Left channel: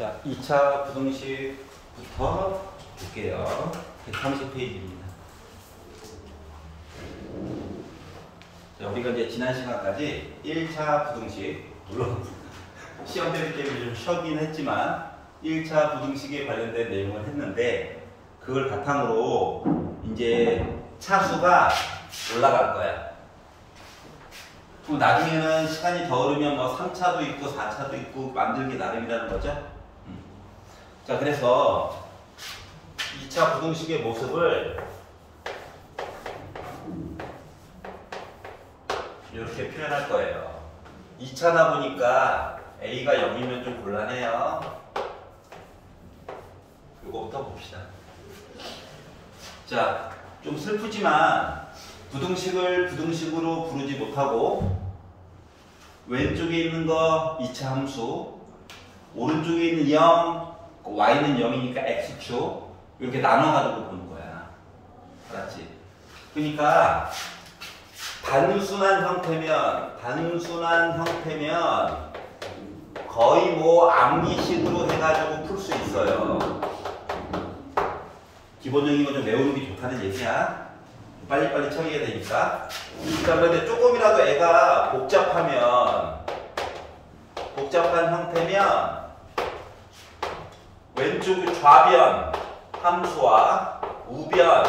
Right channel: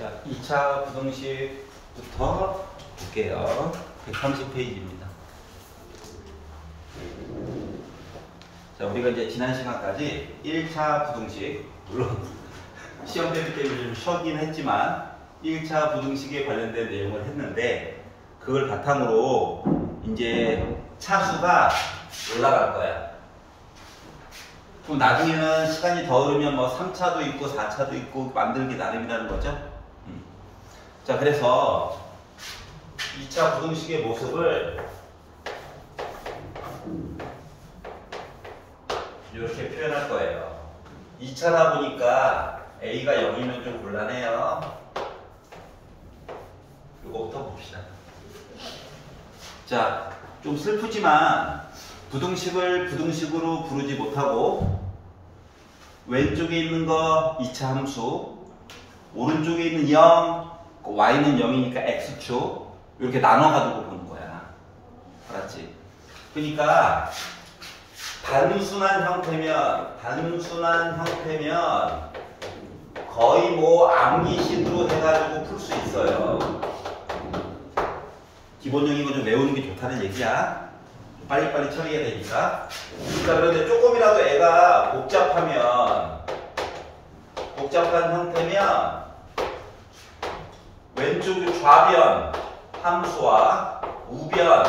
자, 2차 부등식부터 볼게요. 130페이지입니다. 자, 우리가 이제 지난 시간까지 1차 부등식, 물론 시험 대비 때문에 좀 쉬긴 했지만 1차 부등식에 관련된 내용을 했는데, 그걸 바탕으로 이제 차수가 올라갈 거야. 그럼 나중에는 시간이 더 흐르면 뭐 3차도 있고 4차도 있고 만들기 나름이라는 거죠. 자, 그래서 2차 부등식의 모습을 이렇게 표현할 거예요. 2차다 보니까 A가 0이면 좀 곤란해요. 이거부터 봅시다. 자, 좀 슬프지만 부등식을 부등식으로 부르지 못하고 왼쪽에 있는 거 2차 함수, 오른쪽에 있는 0, y는 0이니까 x축, 이렇게 나눠가지고 보는 거야. 알았지? 그러니까 단순한 형태면 거의 뭐 암기식으로 해가지고 풀 수 있어요. 기본적인 거 좀 외우는 게 좋다는 얘기야. 빨리빨리 처리해야 되니까. 자, 그런데 조금이라도 애가 복잡한 형태면 왼쪽 좌변 함수와 우변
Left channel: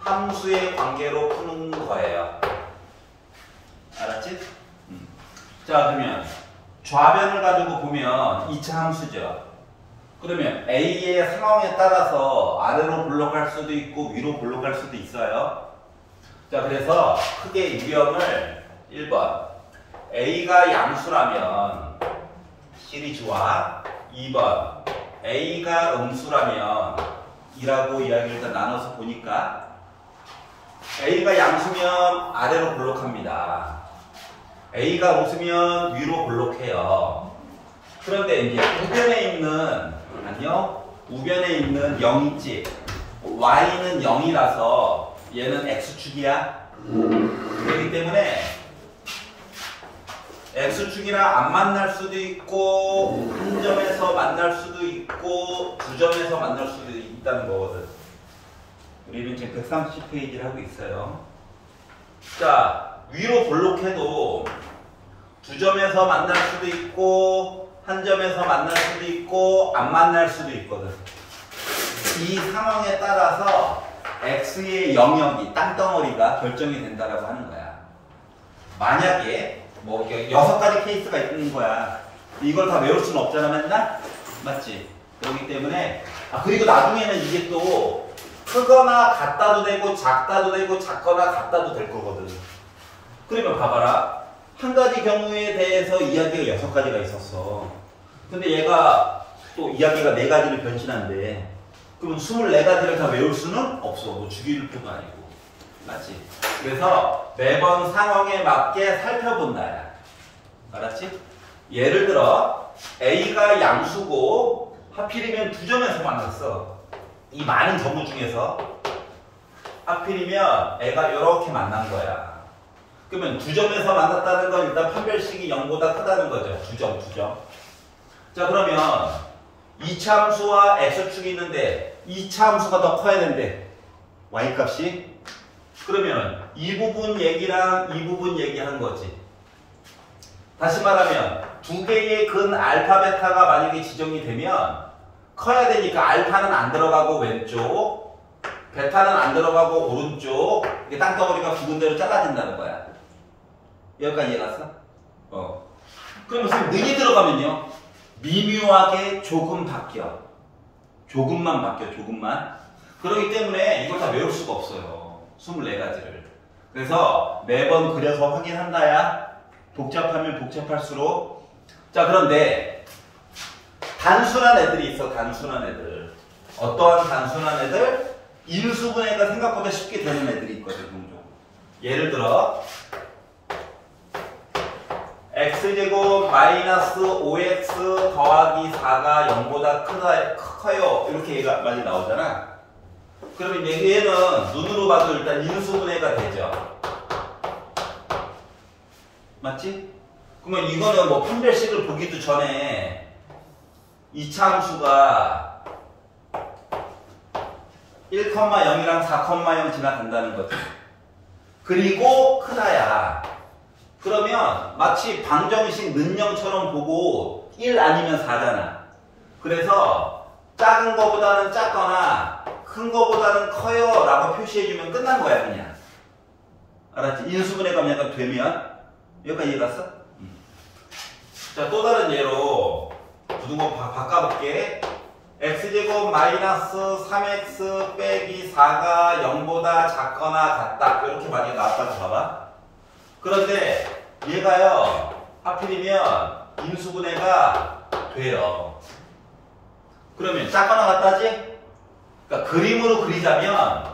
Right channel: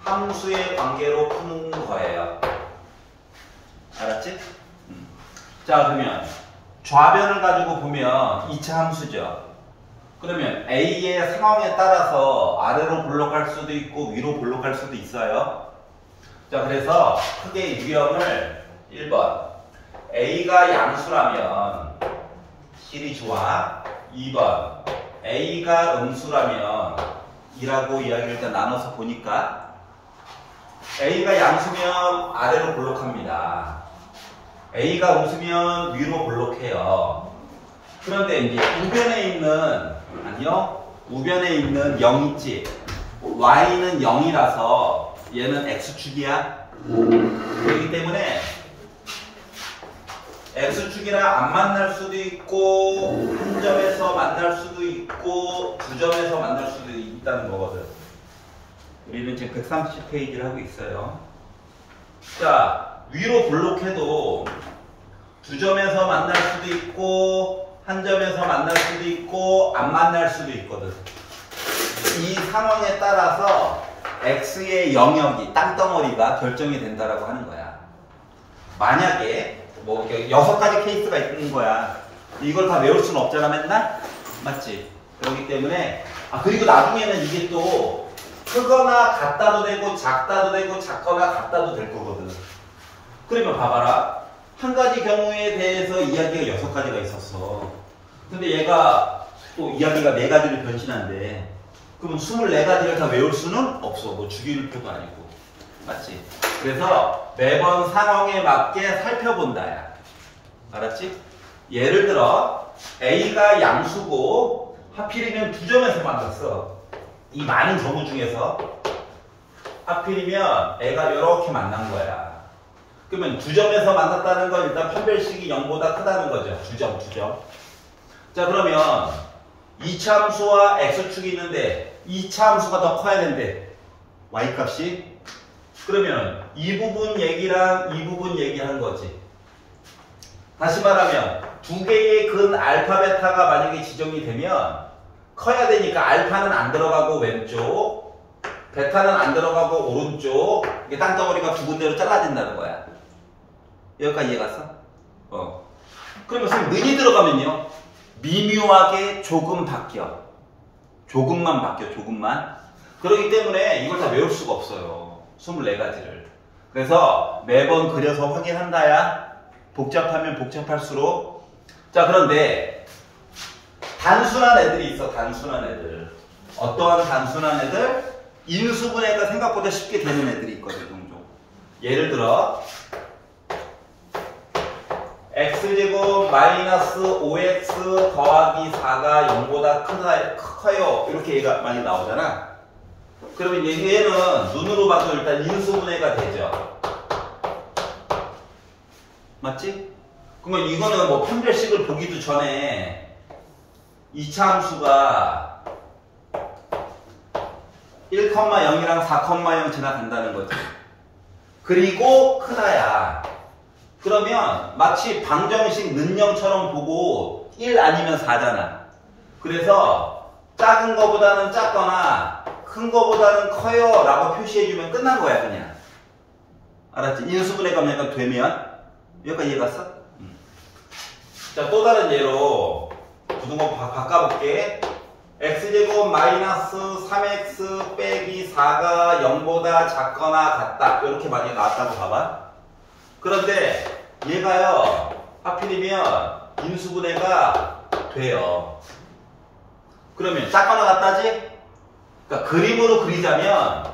함수의 관계로 푸는 거예요. 알았지? 자, 그러면 좌변을 가지고 보면 2차 함수죠. 그러면 A의 상황에 따라서 아래로 볼록할 수도 있고 위로 볼록할 수도 있어요. 자, 그래서 크게 유형을 1번 A가 양수라면 시리즈와 2번 A가 음수라면 이라고 이야기를 일단 나눠서 보니까 A가 양수면 아래로 볼록합니다. A가 음수면 위로 볼록해요. 그런데 이제 우변에 있는 0 있지. y는 0이라서 얘는 x축이야. 그렇기 때문에 x축이랑 안 만날 수도 있고 한 점에서 만날 수도 있고 두 점에서 만날 수도 있다는 거거든. 우리는 지금 130페이지를 하고 있어요. 자, 위로 볼록해도 두 점에서 만날 수도 있고 한 점에서 만날 수도 있고 안 만날 수도 있거든. 이 상황에 따라서 x의 영역이, 땅덩어리가 결정이 된다라고 하는 거야. 만약에 뭐 6가지 케이스가 있는 거야. 이걸 다 외울 수는 없잖아, 맨날? 맞지? 그렇기 때문에 그리고 나중에는 이게 또 크거나 같다도 되고 작다도 되고 작거나 같다도 될 거거든. 그러면 봐봐라. 한 가지 경우에 대해서 이야기가 6가지가 있었어. 근데 얘가 또 이야기가 4가지로 변신한대. 그럼 24가지를 다 외울 수는 없어. 뭐 주기율표도 아니고. 맞지? 그래서 매번 상황에 맞게 살펴본다. 야. 알았지? 예를 들어 A가 양수고 하필이면 두 점에서 만났어. 이 많은 경우 중에서 하필이면 애가 이렇게 만난 거야. 그러면 두 점에서 만났다는 건 일단 판별식이 0보다 크다는 거죠. 두 점. 자, 그러면 2차 함수와 x축이 있는데 2차 함수가 더 커야 된대. y값이. 그러면 이 부분 얘기랑 이 부분 얘기한 거지. 다시 말하면 두 개의 근 알파 베타가 만약에 지정이 되면 커야 되니까 알파는 안 들어가고 왼쪽, 베타는 안 들어가고 오른쪽, 이게 땅덩어리가 두 군데로 잘라진다는 거야. 여기까지 이해갔어? 그러면 선생님 는이 들어가면요, 미묘하게 조금 바뀌어. 조금만 바뀌어, 조금만. 그렇기 때문에 이걸 다 외울 수가 없어요. 24가지를. 그래서 매번 그려서 확인한다야. 복잡하면 복잡할수록. 자, 그런데 단순한 애들이 있어. 단순한 애들. 어떠한 단순한 애들? 인수분해가 생각보다 쉽게 되는 애들이 있거든. 종종. 예를 들어 x제곱 마이너스 5x 더하기 4가 0보다 커요. 이렇게 얘가 많이 나오잖아. 그러면 얘는 눈으로 봐도 일단 인수분해가 되죠. 맞지? 그러면 이거는 뭐 판별식을 보기도 전에 이차함수가 1,0이랑 4,0 지나간다는 거지. 그리고 크나야. 그러면 마치 방정식 는영처럼 보고 1 아니면 4잖아. 그래서 작은 거보다는 작거나 큰 거보다는 커요 라고 표시해주면 끝난 거야 그냥. 알았지? 인수분해가 만약 되면 여기까지 이해 갔어? 자, 또 다른 예로 굳은 거 바꿔볼게. x제곱 마이너스 3x 빼기 4가 0보다 작거나 같다. 이렇게 만약에 나왔다고 봐봐. 그런데 얘가요 하필이면 인수분해가 돼요. 그러면 작거나 같다지? 그러니까 그림으로 그리자면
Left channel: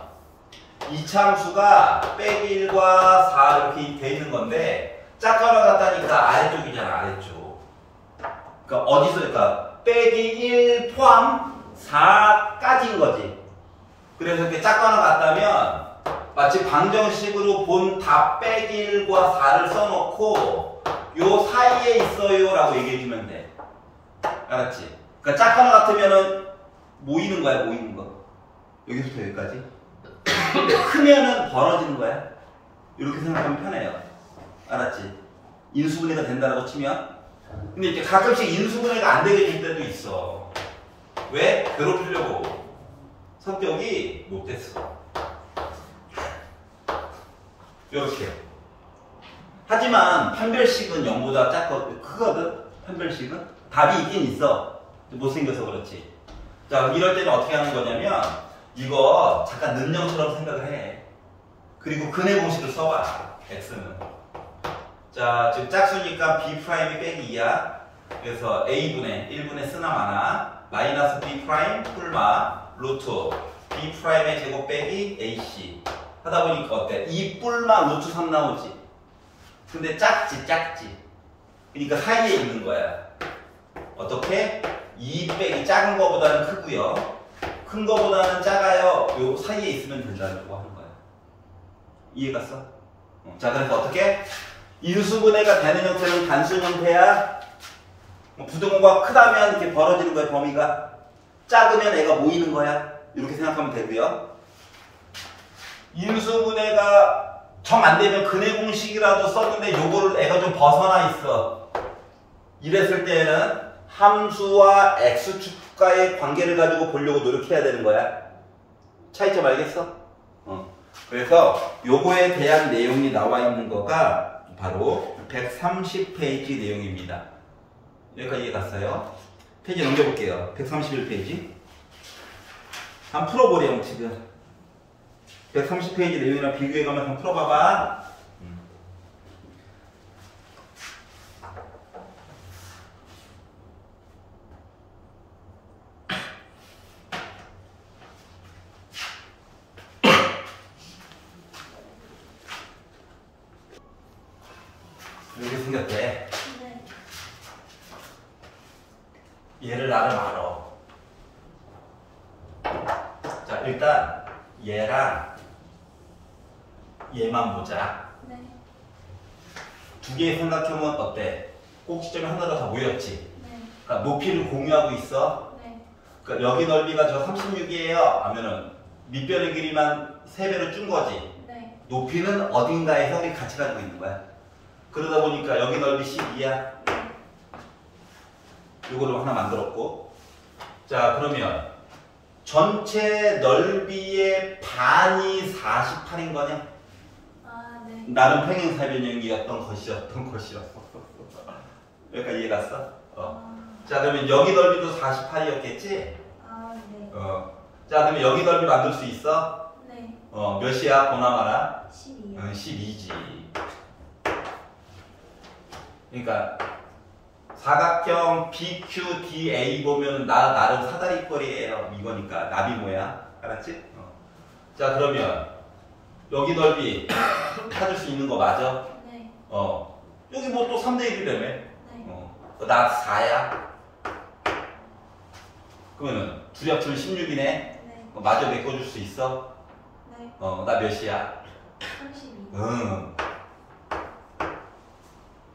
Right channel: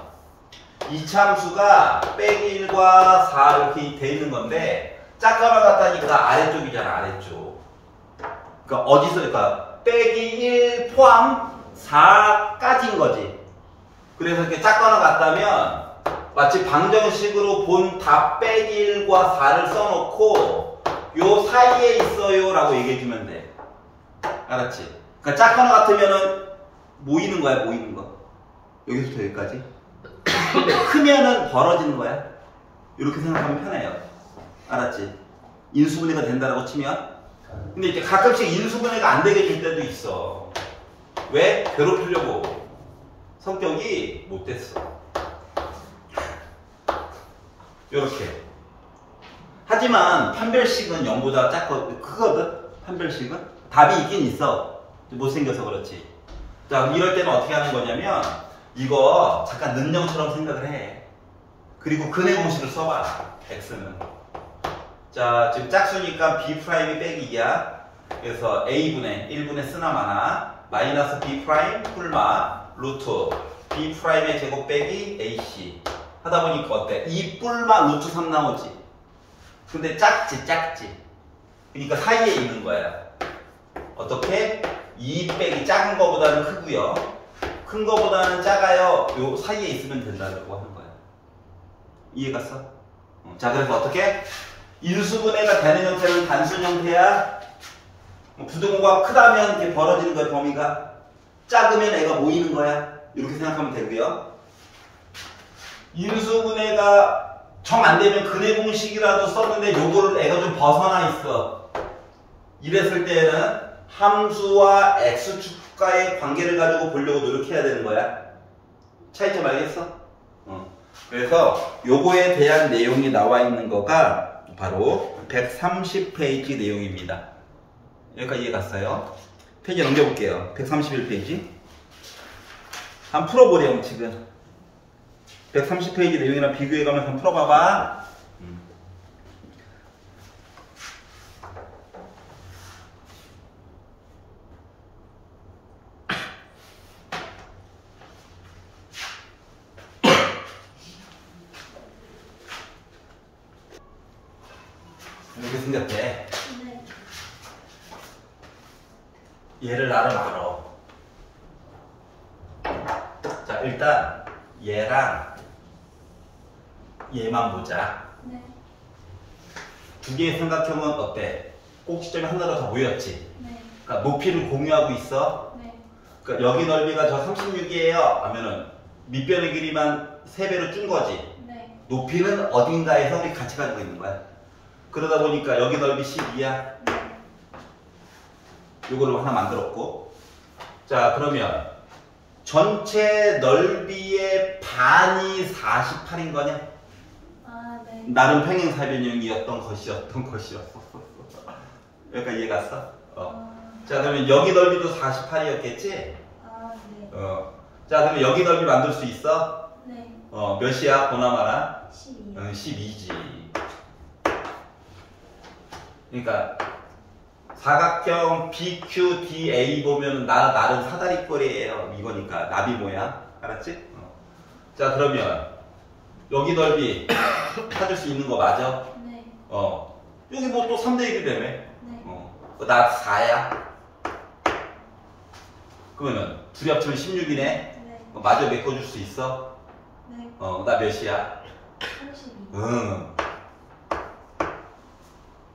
이차함수가 빼기 1과 4 이렇게 돼 있는 건데 작거나 같다니까 아래쪽이잖아. 아래쪽. 그러니까 어디서 그러니까 빼기 1 포함 4까지인 거지. 그래서 이렇게 작거나 같다면 마치 방정식으로 본 답 빼기 1과 4를 써놓고 요 사이에 있어요 라고 얘기해주면 돼. 알았지? 그러니까 작거나 같으면은 모이는 거야. 모이는 거. 여기서부터 여기까지. 근데 크면은 벌어지는 거야. 이렇게 생각하면 편해요. 알았지? 인수분해가 된다고 치면. 근데 이제 가끔씩 인수분해가 안 되게 될 때도 있어. 왜? 괴롭히려고. 성격이 못됐어. 요렇게. 하지만 판별식은 0보다 작거든. 크거든? 판별식은? 답이 있긴 있어. 못생겨서 그렇지. 자, 이럴 때는 어떻게 하는 거냐면 이거 잠깐 는영처럼 생각을 해. 그리고 근의 공식을 써봐. x는. 자, 지금 짝수니까 b' 빼기 2야. 그래서 a분의 1분의 쓰나 마나 마이너스 b' 뿔마 루트 b'의 제곱 빼기 ac 하다 보니까 어때? 2 뿔마 루트 3 나오지. 근데 작지. 그러니까 사이에 있는 거야. 어떻게? 2 빼기 작은 거보다는 크고요. 큰 거보다는 작아요. 요 사이에 있으면 된다고 하는 거야. 이해 갔어? 자, 그래서 어떻게? 인수분해가 되는 형태는 단순 형태야. 부등호가 크다면 이렇게 벌어지는 거야, 범위가. 작으면 애가 모이는 거야. 이렇게 생각하면 되고요. 인수분해가 정 안 되면 근의 공식이라도 썼는데 요거를 애가 좀 벗어나 있어. 이랬을 때에는 함수와 x축과의 관계를 가지고 보려고 노력해야 되는 거야. 차이점 알겠어? 그래서 요거에 대한 내용이 나와 있는 거가 바로 130페이지 내용입니다. 여기까지 이해 갔어요? 페이지 넘겨볼게요. 131페이지. 한번 풀어보래요, 지금. 130페이지 내용이랑 비교해가면서 한번 풀어봐봐. 이렇게 생겼대. 네. 얘를 나름 알아. 자, 일단 얘랑 얘만 보자. 네. 두 개 생각해보면 어때? 꼭지점이 하나가 더 모였지? 네. 그러니까 높이를 공유하고 있어. 네. 그러니까 여기 넓이가 저 36이에요 하면은 밑변의 길이만 3배로 준 거지. 네. 높이는 어딘가에서 우리 같이 가지고 있는 거야. 그러다 보니까 여기 넓이 12야. 이거를 하나 만들었고. 자, 그러면 전체 넓이의 반이 48인 거냐? 아, 네. 나름 평행사변형이었던 것이었어. 여기까지 이해 갔어? 자, 그러면 여기 넓이도 48이었겠지? 아, 네. 자, 그러면 여기 넓이 만들 수 있어? 네. 몇이야? 보나마나? 12. 12지. 그러니까 사각형 BQDA 보면 나름 사다리꼴이에요. 이거니까 나비 모양. 알았지? 자, 그러면 여기 넓이 찾을 수 있는 거 맞아? 네. 여기 뭐 또 3대 1이 되네. 네. 나 4야. 그러면 둘이 합치면 16이네. 네. 마저 메꿔줄 수 있어? 네. 나 몇이야? 32. 응.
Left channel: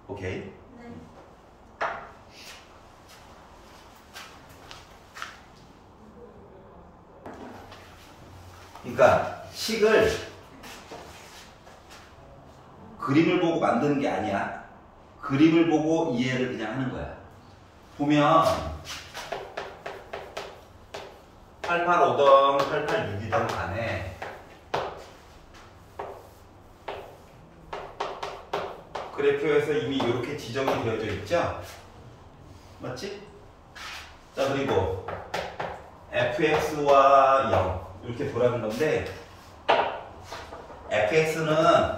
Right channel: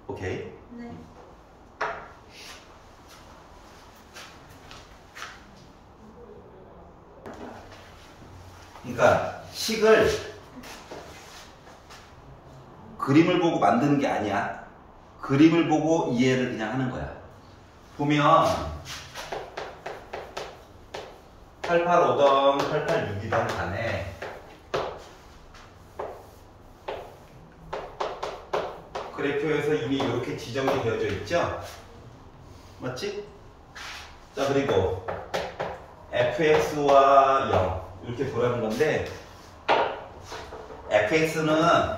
오케이. 네. 그러니까 식을 그림을 보고 만드는 게 아니야. 그림을 보고 이해를 그냥 하는 거야. 보면 885던 886이던 간에 그래프에서 이미 이렇게 지정이 되어져 있죠? 맞지? 자, 그리고 fx와 0 이렇게 보라는 건데 fx는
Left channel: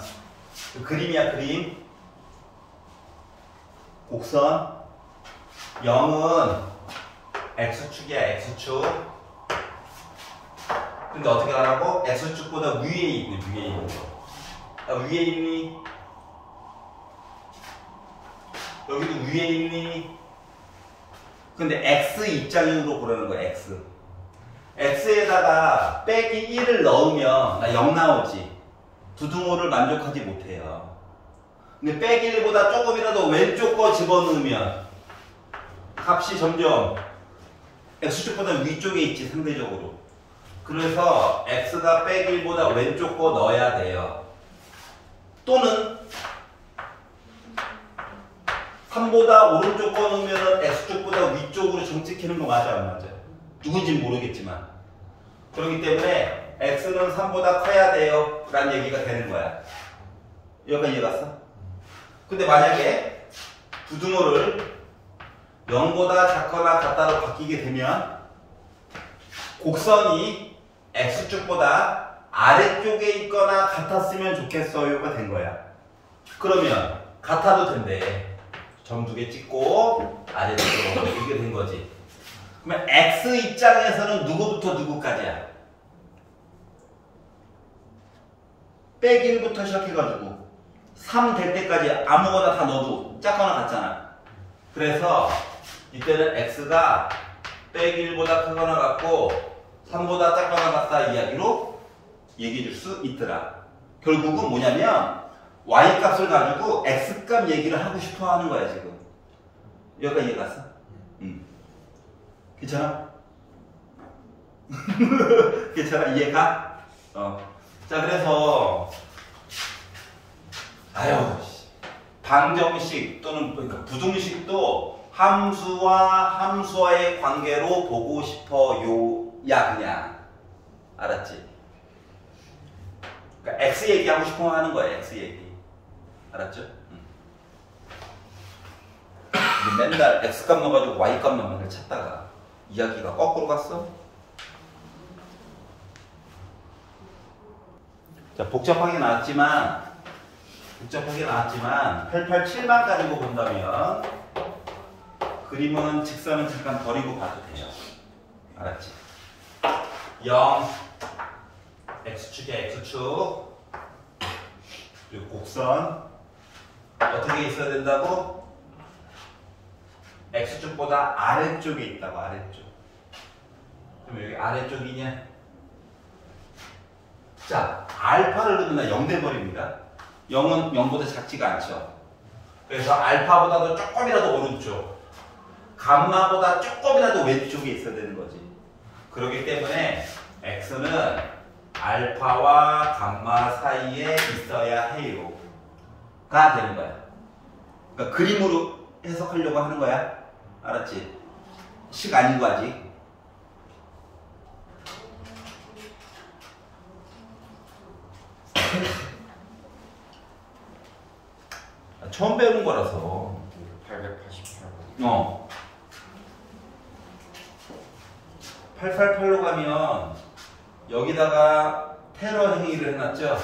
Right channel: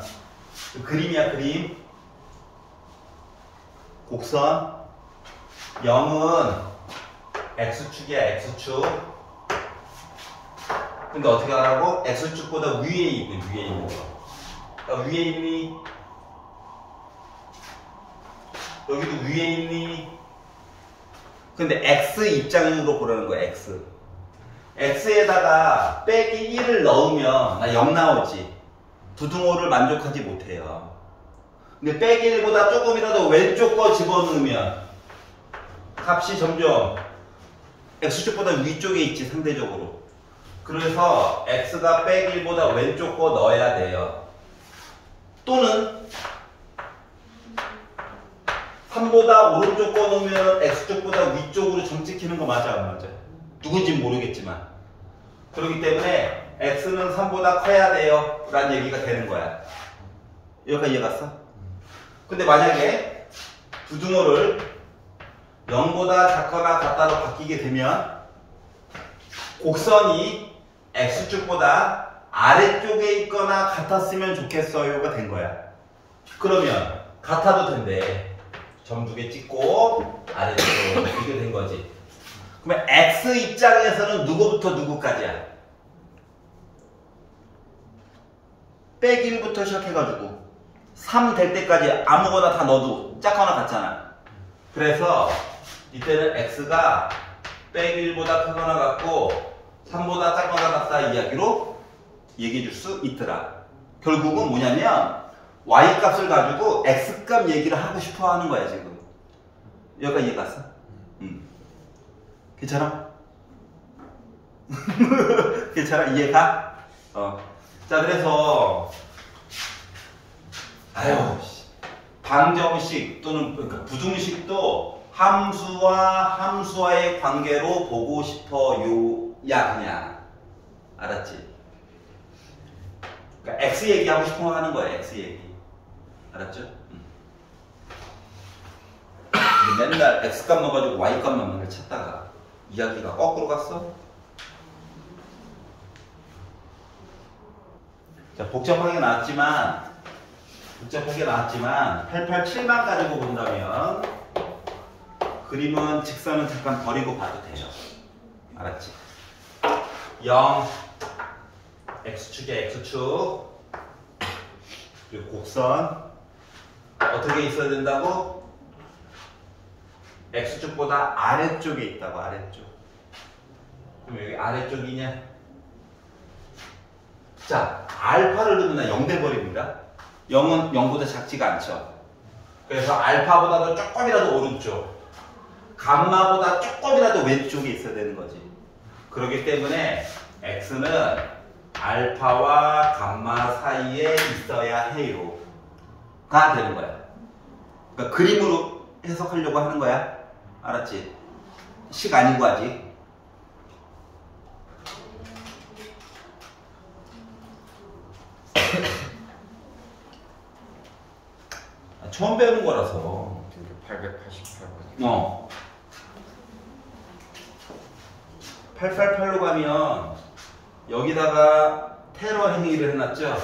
그 그림이야, 그림. 곡선. 0은 x축이야, x축. 근데 어떻게 하라고? x축보다 위에 있고, 위에 있는 거. 위에 있니? 여기도 위에 있니? 근데 x 입장으로 보라는 거야, x. x에다가 빼기 1을 넣으면 나 0 나오지. 부등호를 만족하지 못해요. 근데 빼기 1보다 조금이라도 왼쪽 거 집어넣으면 값이 점점 x축보다 위쪽에 있지, 상대적으로. 그래서 x가 빼기 1보다 왼쪽 거 넣어야 돼요. 또는 3보다 오른쪽 거 넣으면 x축보다 위쪽으로 점 찍히는 거 맞아, 안 맞아? 누군지는 모르겠지만. 그렇기 때문에 x는 3보다 커야 돼요 라는 얘기가 되는 거야. 여기까지 이해 갔어? 근데 만약에 부등호를 0보다 작거나 같다로 바뀌게 되면 곡선이 x축보다 아래쪽에 있거나 같았으면 좋겠어요가 된 거야. 그러면 같아도 된대. 점 2개 찍고 아래쪽으로 이렇게 된 거지. 그러면 x 입장에서는 누구부터 누구까지야? 빼기 1부터 시작해가지고 3 될 때까지 아무거나 다 넣어도 작거나 같잖아. 그래서 이때는 x가 빼기 1보다 크거나 같고 3보다 작거나 같다 이야기로 얘기해 줄 수 있더라. 결국은 뭐냐면 y값을 가지고 x값 얘기를 하고 싶어 하는 거야, 지금. 여기까지 이해 갔어? 괜찮아? 괜찮아? 이해가? 자, 그래서 방정식 또는 그러니까 부등식도 함수와 함수와의 관계로 보고 싶어요. 야, 그냥. 알았지? 그러니까 x 얘기하고 싶어 하는 거야, x 얘기. 알았죠? 맨날 x값 넣어가지고 y값만 맨날 찾다가 이야기가 거꾸로 갔어? 자, 복잡하게 나왔지만 887만 가지고 본다면 그림은 직선은 잠깐 버리고 봐도 돼요. 알았지? 0 x축에 x축 그리고 곡선 어떻게 있어야 된다고? x축보다 아래쪽에 있다고. 아래쪽. 그럼 여기 아래쪽이냐? 자, 알파를 넣으면 0 돼버립니다. 0은 0보다 작지가 않죠. 그래서 알파보다도 조금이라도 오른쪽, 감마보다 조금이라도 왼쪽에 있어야 되는 거지. 그렇기 때문에 x는 알파와 감마 사이에 있어야 해요 가 되는 거야. 그러니까 그림으로 해석하려고 하는 거야. 알았지? 식 아니고 아직. 처음 배우는 거라서. 888번. 888로 가면 여기다가 테러 행위를 해놨죠?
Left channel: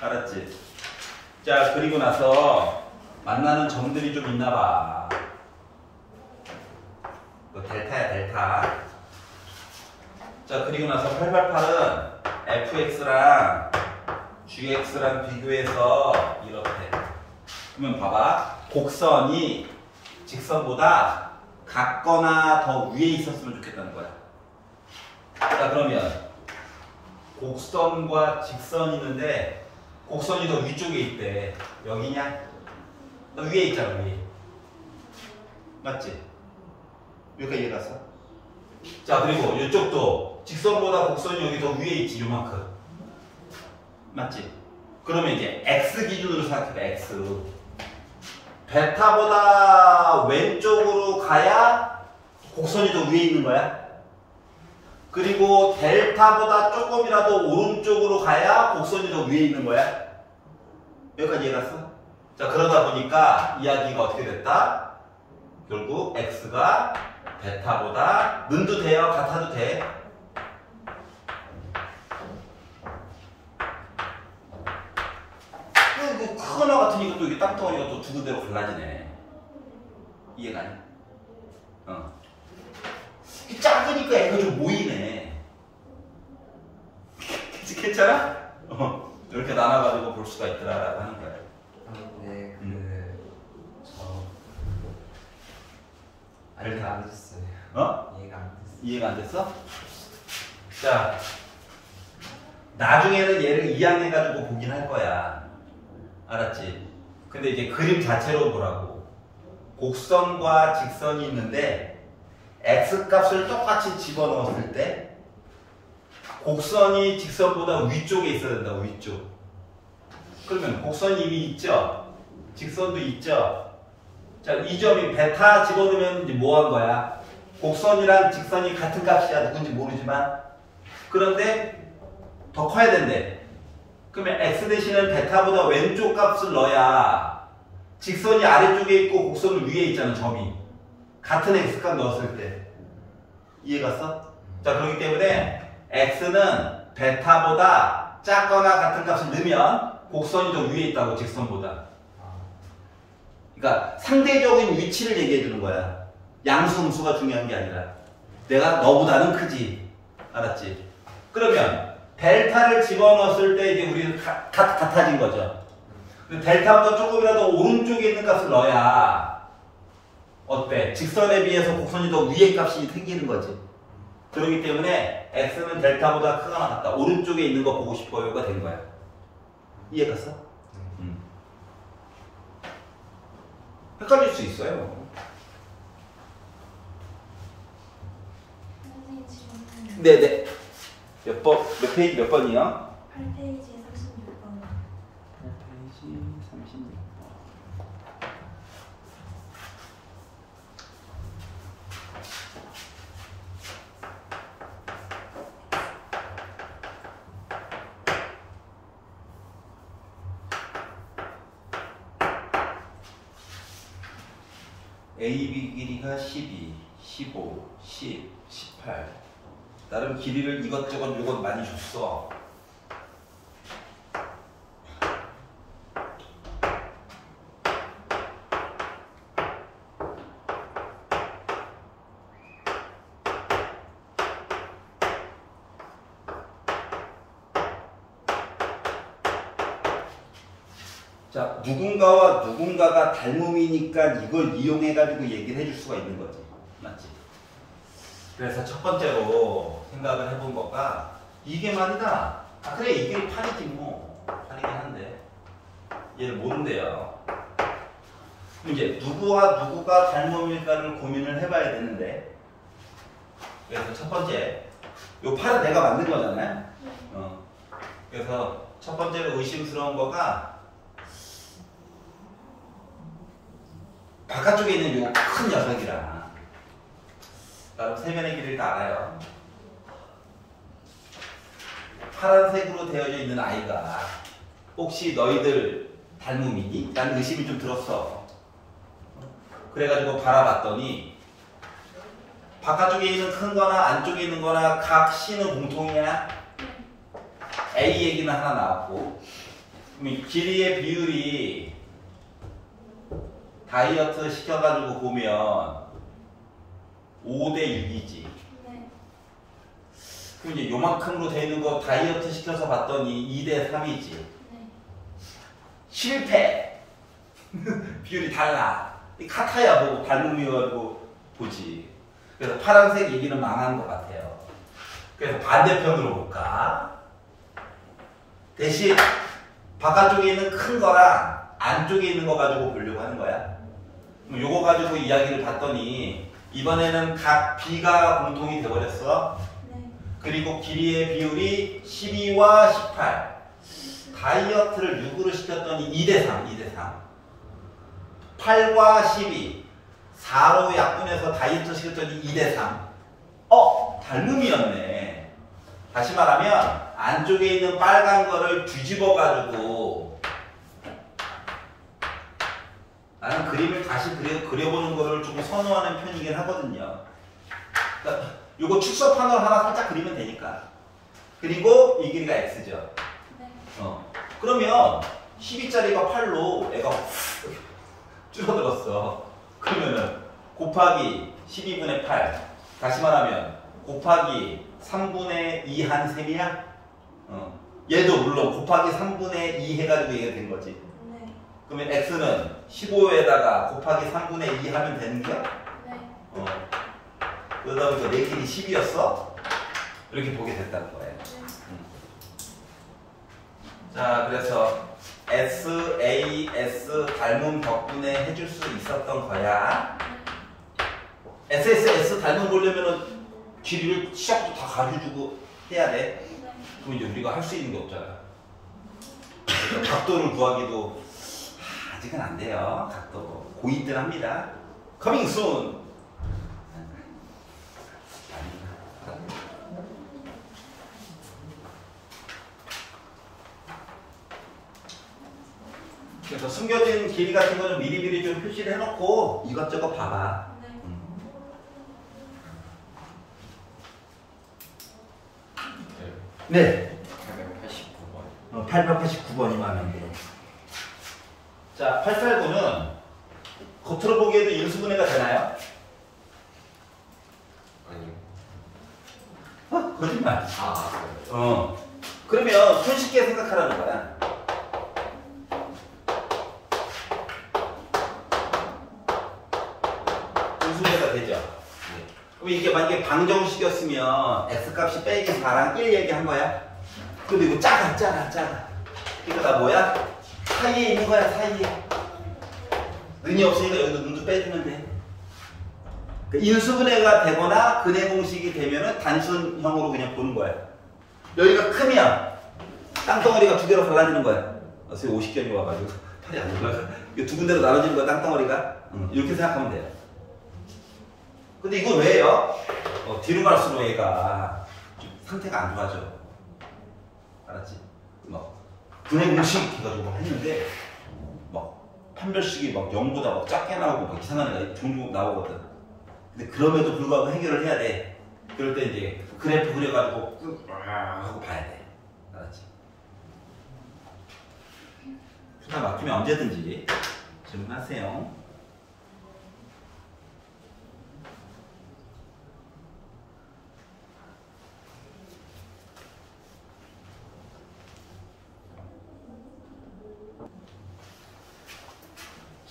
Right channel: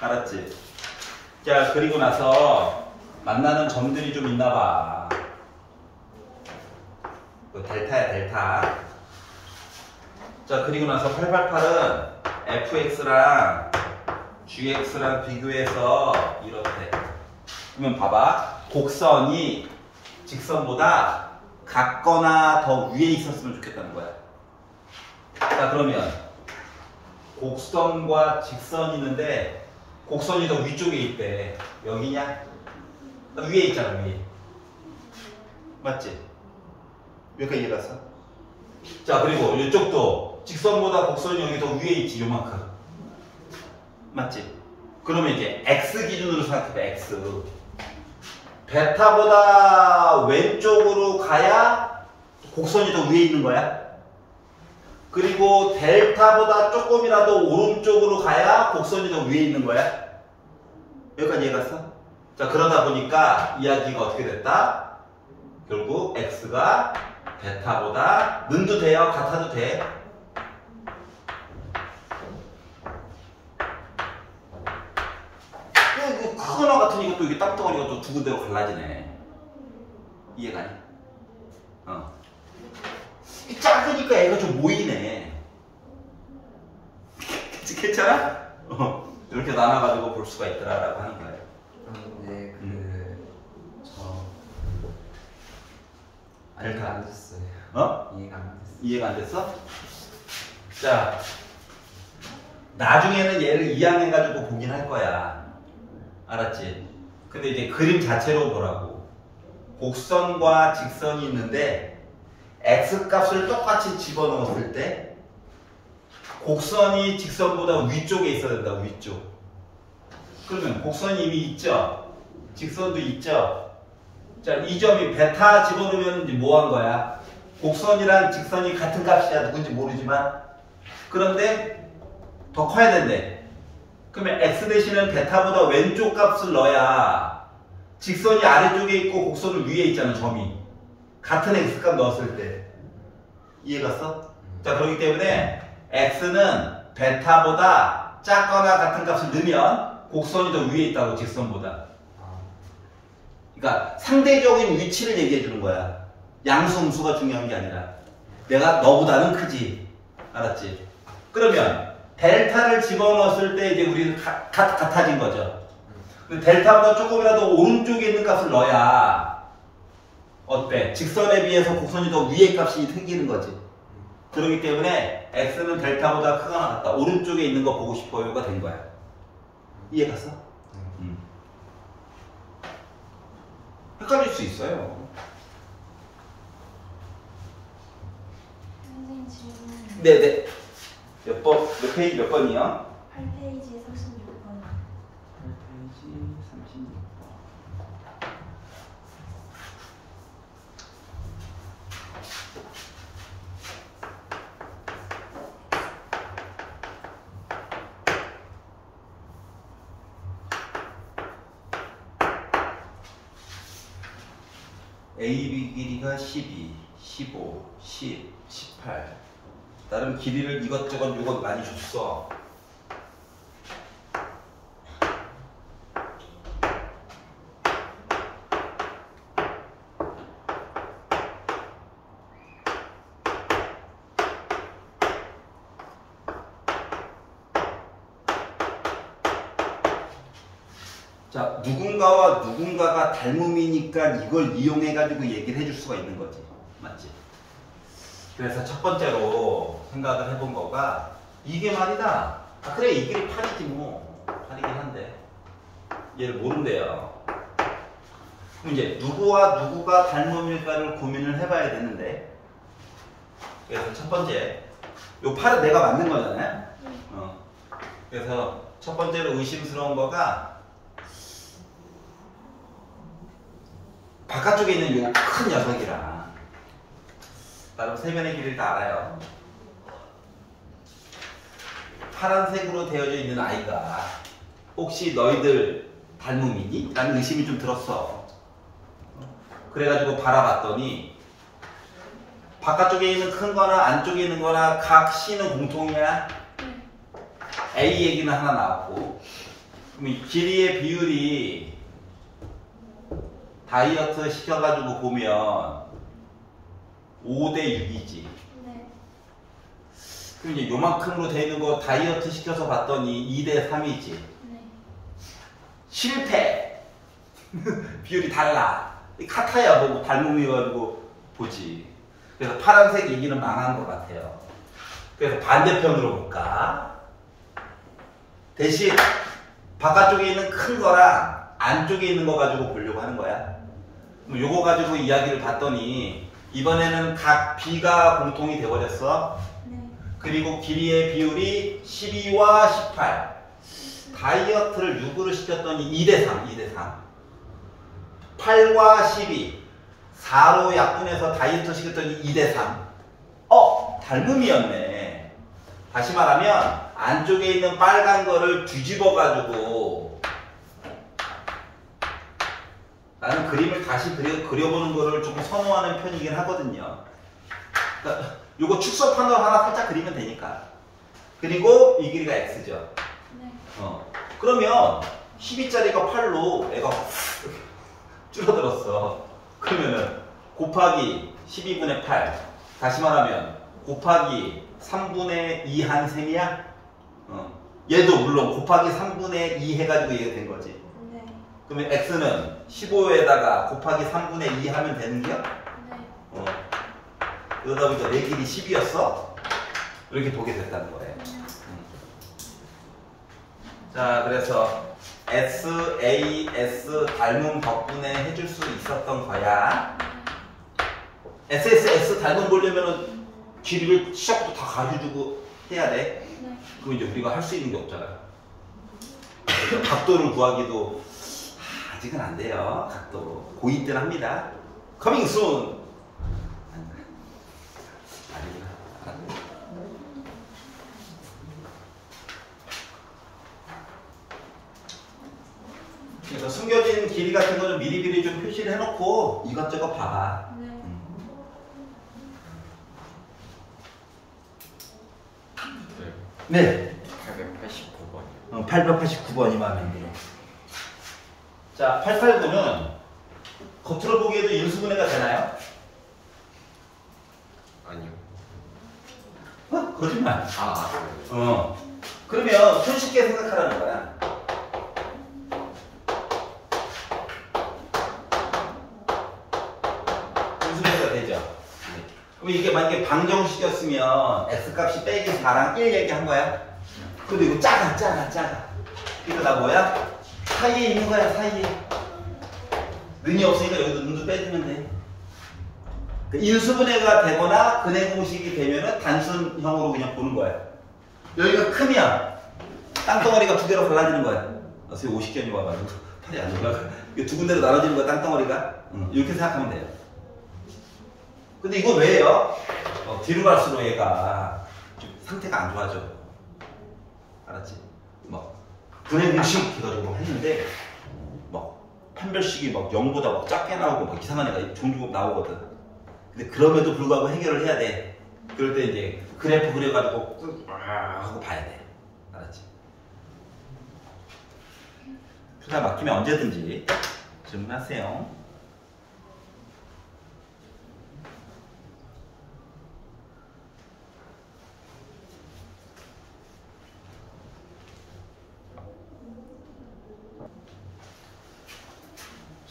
알았지? 자, 그리고 나서 만나는 점들이 좀 있나봐. 그 델타야, 델타. 자, 그리고 나서 888은 fx랑 gx랑 비교해서 이렇대. 그러면 봐봐. 곡선이 직선보다 같거나 더 위에 있었으면 좋겠다는 거야. 자, 그러면 곡선과 직선이 있는데 곡선이 더 위쪽에 있대. 여기냐? 너 위에 있잖아, 위에. 맞지? 여기까지 이해 갔어? 자, 그리고 이쪽도 직선보다 곡선이 여기 더 위에 있지, 요만큼. 맞지? 그러면 이제 x 기준으로 생각해봐, x. 베타보다 왼쪽으로 가야 곡선이 더 위에 있는 거야. 그리고 델타보다 조금이라도 오른쪽으로 가야 곡선이 더 위에 있는 거야. 여기까지 이해갔어? 자, 그러다 보니까 이야기가 어떻게 됐다? 결국 x가 베타보다 는도 돼요? 같아도 돼? 그 크거나 같은 이것도 이게 땅덩어리가 또 두 군데로 갈라지네. 이해가 안 해? 작으니까 애가 좀 모이네. 괜찮아? 이렇게 나눠가지고 볼 수가 있더라라고 하는 거야. 네, 이해가 안 됐어요. 이해가 안 됐어요. 이해가 안 됐어? 자, 나중에는 얘를 2항 해가지고 보긴 할 거야. 알았지? 근데 이제 그림 자체로 보라고. 곡선과 직선이 있는데 x값을 똑같이 집어넣었을 때 곡선이 직선보다 위쪽에 있어야 된다. 위쪽. 그러면 곡선이 이미 있죠? 직선도 있죠? 자, 이 점이 베타 집어넣으면 이제 뭐 한 거야? 곡선이랑 직선이 같은 값이야. 누군지 모르지만. 그런데 더 커야 된대. 그러면 x 대신은 베타보다 왼쪽 값을 넣어야 직선이 아래쪽에 있고 곡선은 위에 있잖아. 점이. 같은 x값 넣었을 때. 이해갔어? 자, 그렇기 때문에 x는 베타보다 작거나 같은 값을 넣으면 곡선이 더 위에 있다고, 직선보다. 그러니까 상대적인 위치를 얘기해 주는 거야. 양수, 음수가 중요한 게 아니라. 내가 너보다는 크지. 알았지? 그러면 델타를 집어넣었을 때 이제 우리는 같아진 거죠. 근데 델타보다 조금이라도 오른쪽에 있는 값을 넣어야 어때? 직선에 비해서 곡선이 더 위에 값이 생기는 거지. 그렇기 때문에 x는 델타보다 크거나 같다. 오른쪽에 있는 거 보고 싶어요가 된 거야. 이해갔어? 헷갈릴 수 있어요. 선생님 질문. 네네. 몇 페이지 몇 번이요? 8페이지 36번. 8페이지 36번. AB 길이가 12, 15, 10, 18. 나름 길이를 이것저것 요것 많이 줬어. 자, 누군가와 누군가가 닮음이니까 이걸 이용해가지고 얘기를 해줄 수가 있는 거지. 맞지? 그래서 첫 번째로 생각을 해본 거가 이게 말이다. 아, 그래, 이게 8이지 뭐. 8이긴 한데. 얘를 모른대요. 그럼 이제 누구와 누구가 닮음일까를 고민을 해봐야 되는데. 그래서 첫 번째. 요 8은 내가 만든 거잖아요. 그래서 첫 번째로 의심스러운 거가 바깥쪽에 있는 요 큰 녀석이라. 나름 세변의 길이를 다 알아요. 파란색으로 되어져 있는 아이가 혹시 너희들 닮음이니? 라는 의심이 좀 들었어. 그래가지고 바라봤더니 바깥쪽에 있는 큰 거나 안쪽에 있는 거나 각 C는 공통이야. A 얘기는 하나 나왔고, 그럼 이 길이의 비율이 다이어트 시켜가지고 보면 5대 6이지. 네. 그럼 이제 요만큼으로 되어 있는 거 다이어트 시켜서 봤더니 2대 3이지. 네. 실패! 비율이 달라. 같아야 뭐 닮음이어가지고 보지. 그래서 파란색 얘기는 망한 것 같아요. 그래서 반대편으로 볼까? 대신 바깥쪽에 있는 큰 거랑 안쪽에 있는 거 가지고 보려고 하는 거야. 그럼 요거 가지고 이야기를 봤더니 이번에는 각 B가 공통이 되어버렸어. 네. 그리고 길이의 비율이 12와 18. 다이어트를 6으로 시켰더니 2대3, 2대3. 8과 12. 4로 약분해서 다이어트 시켰더니 2대3. 닮음이었네. 다시 말하면 안쪽에 있는 빨간 거를 뒤집어가지고 나는 그림을 다시 그려보는 거를 조금 선호하는 편이긴 하거든요. 그러니까 요거 축소판으로 하나 살짝 그리면 되니까. 그리고 이 길이가 x죠. 네. 그러면 12짜리가 8로 애가 줄어들었어. 그러면은 곱하기 12분의 8. 다시 말하면 곱하기 3분의 2 한 셈이야? 얘도 물론 곱하기 3분의 2 해가지고 얘가 된 거지. 네. 그러면 x는 15에다가 곱하기 3분의 2 하면 되는 거야? 네. 그러다 보니까 내 길이 10이었어? 이렇게 보게 됐다는 거예요. 자, 그래서 S, A, S 닮은 덕분에 해줄 수 있었던 거야. S, S, S 닮은 보려면은 길이를 시작부터 다 가르쳐주고 해야 돼. 네. 그거 이제 우리가 할 수 있는 게 없잖아. 각도를 구하기도 아직은 안 돼요. 각도 고2 때는 합니다. Coming soon. 그래서 숨겨진 길이 같은 거는 미리미리 좀 표시를 해놓고 이것저것 봐봐. 네. 네. 889번. 889번이 마음에 안 들어. 자, 889는 겉으로 보기에도 인수분해가 되나요? 아니요. 거짓말. 그래요? 그러면 손쉽게 생각하라는 거야. 인수분해가 되죠. 네. 그럼 이게 만약에 방정식이었으면 x값이 빼기 4랑 1 얘기한 거야. 근데 이거 작아. 그러니까 나 뭐야? 사이에 있는 거야, 사이에. 는이 없으니까 여기도 는도 빼주면 돼. 그러니까 인수분해가 되거나 근해 공식이 되면은 단순형으로 그냥 보는 거야. 여기가 크면 땅덩어리가 두 개로 갈라지는 거야. 선생님 50견이 와가지고 팔이 안 올라가. 이게 두 군데로 나눠지는 거야, 땅덩어리가. 이렇게 생각하면 돼요. 근데 이거 왜요? 뒤로 갈수록 얘가 좀 상태가 안 좋아져. 알았지? 분해 공식 해가지고 했는데 판별식이 0보다 작게 나오고 이상한 애가 종종 나오거든. 근데 그럼에도 불구하고 해결을 해야 돼. 그럴 때 이제 그래프 그려가지고 꾹 하고 봐야 돼. 알았지? 투자 막히면 언제든지 질문하세요.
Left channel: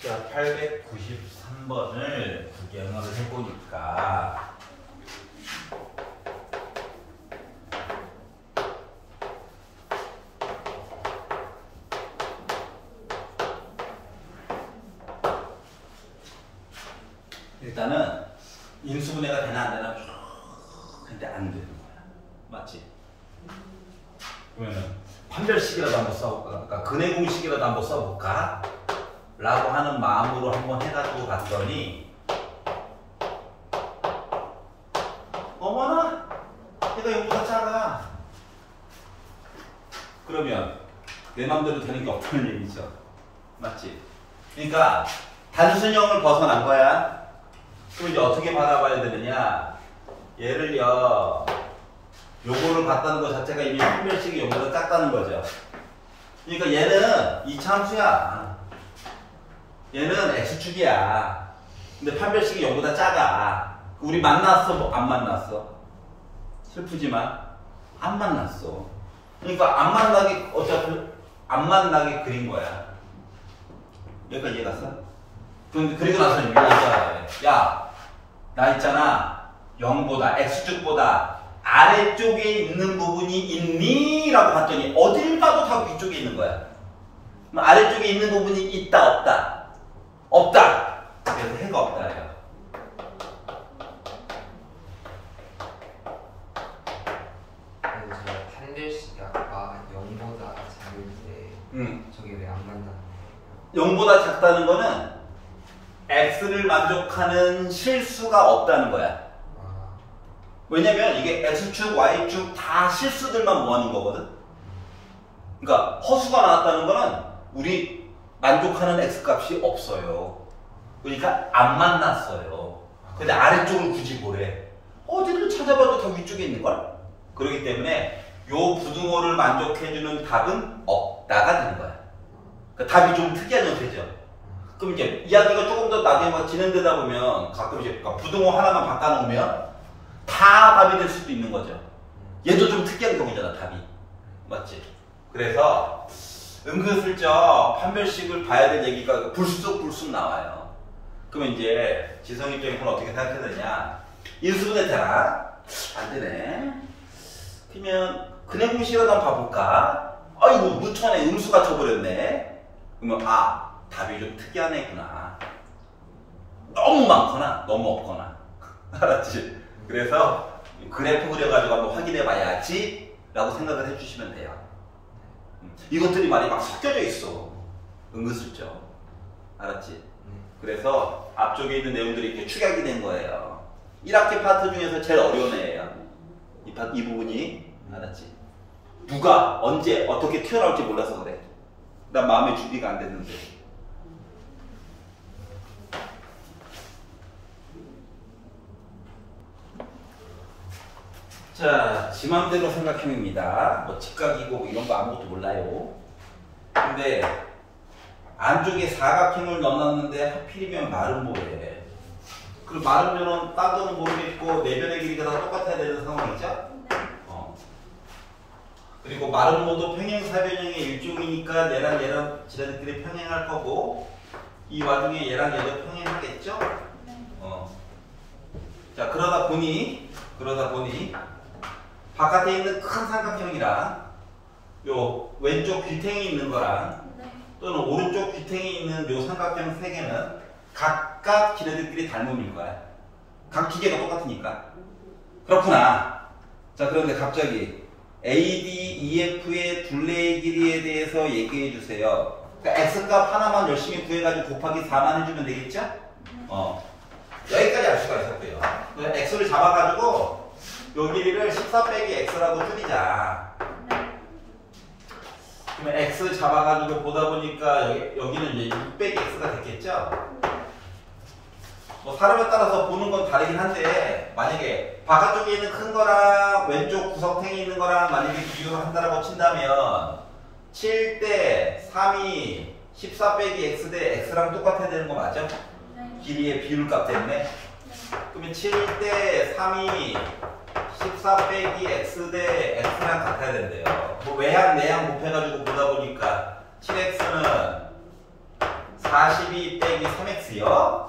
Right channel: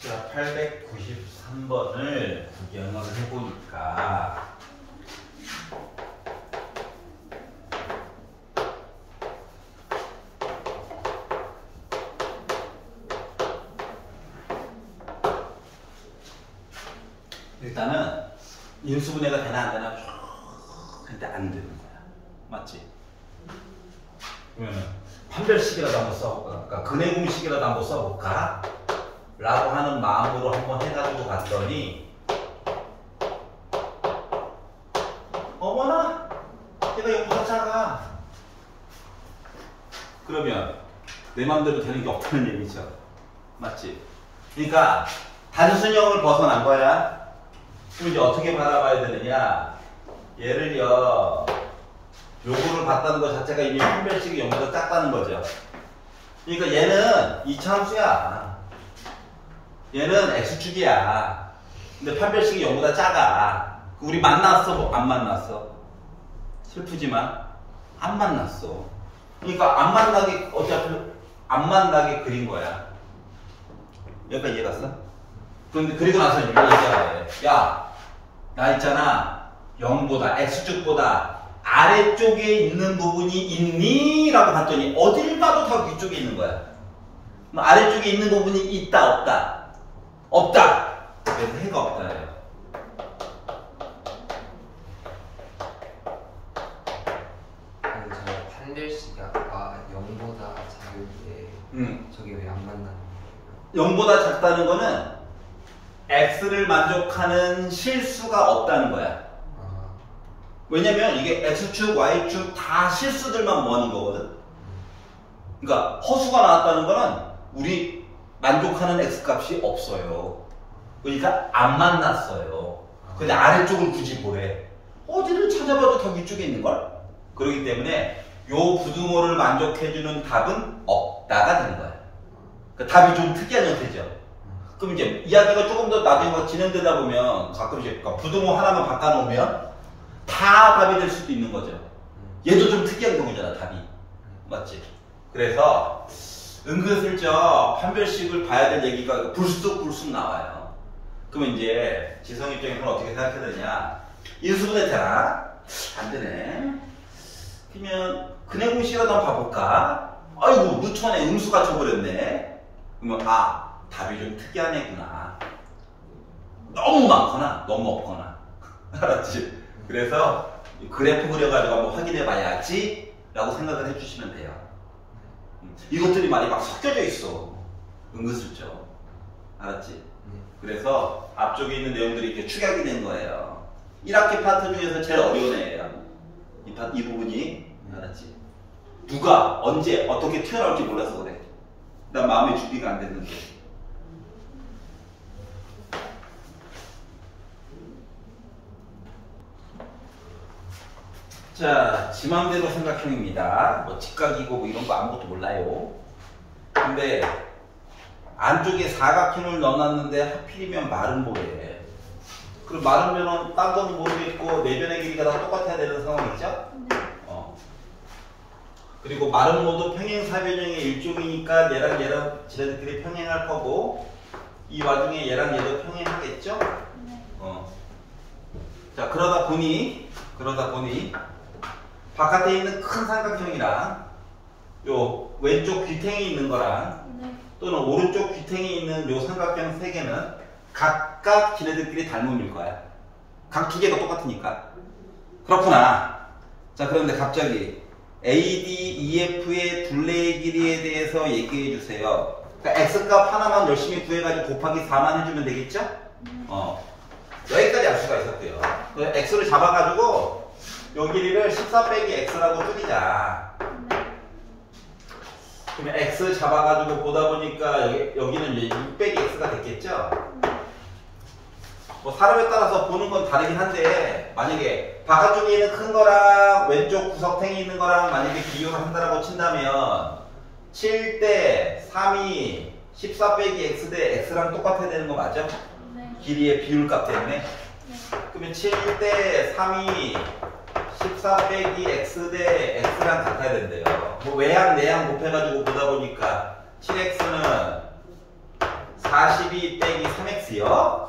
자, 893번을 구경을 해보니까 일단은 인수분해가 되나 안 되나 근데 안 되는 거야. 맞지? 그러면 판별식이라도 한번 써볼까? 그러니까 근해 공식이라도 한번 써볼까? 라고 하는 마음으로 한번 해가지고 봤더니 어머나 얘가 이거보다 작아. 그러면 내 맘대로 되는 게 없다는 얘기죠. 맞지? 그러니까 단순형을 벗어난 거야. 그럼 이제 어떻게 받아봐야 되느냐. 얘를요 요거를 봤다는 것 자체가 이미 판별식이 0보다 작다는 거죠. 그러니까 얘는 이차함수야. 얘는 x축이야. 근데 판별식이 0보다 작아. 우리 만났어? 안 만났어? 슬프지만 안 만났어. 그러니까 안 만나게 어차피 안 만나게 그린 거야. 여기까지 이해 갔어? 그런데 그리고 나서는 이렇게 얘기해야 돼. 야, 나 있잖아 0보다 x축보다 아래쪽에 있는 부분이 있니? 라고 봤더니 어딜 봐도 다 위쪽에 있는 거야. 아래쪽에 있는 부분이 있다 없다? 없다. 그래서 해가 없다예요. 저게 왜 안 만나? 0보다 작다는 거는 x를 만족하는 실수가 없다는 거야. 왜냐면 이게 x축, y축 다 실수들만 모아놓은 거거든. 그러니까 허수가 나왔다는 거는 우리 만족하는 x값이 없어요. 그러니까 안 만났어요. 근데 아래쪽을 굳이 보래. 어디를 찾아봐도 다 위쪽에 있는걸? 그렇기 때문에 요 부등호를 만족해주는 답은 없다가 되는 거야. 그러니까 답이 좀 특이한 형태죠. 그럼 이제 이야기가 조금 더 나중에 진행되다 보면 가끔씩 그러니까 부등호 하나만 바꿔놓으면 다 답이 될 수도 있는 거죠. 얘도 좀 특이한 경우잖아, 답이. 맞지? 그래서 은근슬쩍 판별식을 봐야 될 얘기가 불쑥불쑥 나와요. 그러면 이제 지성이 입장에서는 어떻게 생각해야 되냐? 인수분해 되나? 안 되네. 그러면 근해 공식이라도 한번 봐볼까? 아이고, 누천에 음수가 쳐버렸네. 그러면 답이 좀 특이한 애구나. 너무 많거나 너무 없거나. 알았지? 그래서 그래프 그려가지고 한번 확인해 봐야지 라고 생각을 해주시면 돼요. 이것들이 말이 막 섞여져 있어. 은근슬쩍. 알았지? 그래서 앞쪽에 있는 내용들이 이렇게 축약이 된 거예요. 1학기 파트 중에서 제일 어려운 애예요. 이 부분이. 알았지? 누가 언제 어떻게 튀어나올지 몰라서 그래. 난 마음의 준비가 안 됐는데. 자, 지 맘대로 생각형입니다. 뭐 직각이고 뭐 이런 거 아무것도 몰라요. 근데 안쪽에 사각형을 넣어놨는데 하필이면 마른 보래. 그리고 마른 면은 딴 거는 모르겠고 내변의 길이가 다 똑같아야 되는 상황이죠? 그리고 마른 모도 평행사변형의 일종이니까 얘랑 지네들끼리 평행할 거고 이 와중에 얘랑 얘도 평행하겠죠? 자, 그러다 보니 바깥에 있는 큰 삼각형이랑 요 왼쪽 귀탱이 있는 거랑 또는 오른쪽 귀탱이 있는 요 삼각형 세 개는 각각 지네들끼리 닮음일 거야. 각 두 개가 똑같으니까. 그렇구나. 자, 그런데 갑자기 AD, EF의 둘레의 길이에 대해서 얘기해 주세요. 그러니까 X값 하나만 열심히 구해가지고 곱하기 4만 해주면 되겠죠? 여기까지 알 수가 있었고요. X를 잡아가지고 요 길이를 14 빼기 X라고 줄이자. 그러면 X 잡아가지고 보다 보니까 여기는 이제 6 빼기 X가 됐겠죠? 뭐 사람에 따라서 보는 건 다르긴 한데 만약에 바깥쪽에 있는 큰 거랑 왼쪽 구석탱이 있는 거랑 만약에 비교를 한다라고 친다면 7대 3이 14 빼기 X 대 X랑 똑같아야 되는 거 맞죠? 길이의 비율값 때문에. 그러면 7대 3이 14 빼기 X 대 X랑 같아야 된대요. 뭐 외항 내항 곱해가지고 보다 보니까 7X는 42 빼기 3X요?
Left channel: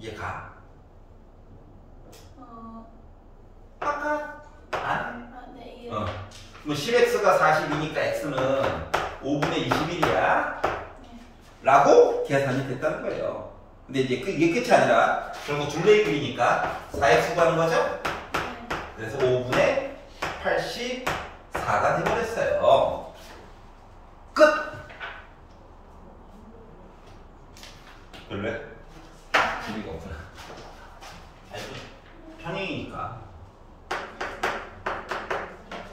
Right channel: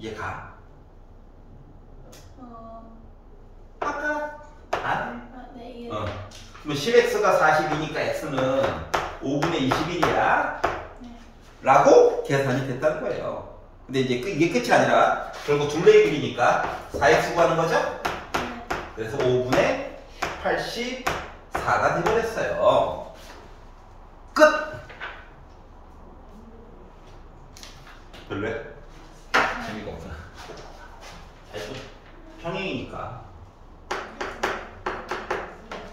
이해가? 아까 네, 예. 그럼 10x가 42니까 x는 5분의 21이야 라고 계산이 됐다는 거예요. 근데 이제 이게 끝이 아니라 결국 둘레의 길이니까 4x 구하는 거죠? 그래서 5분의 84가 돼버렸어요. 끝! 별로야? 재미가 없구나. 아이고, 평행이니까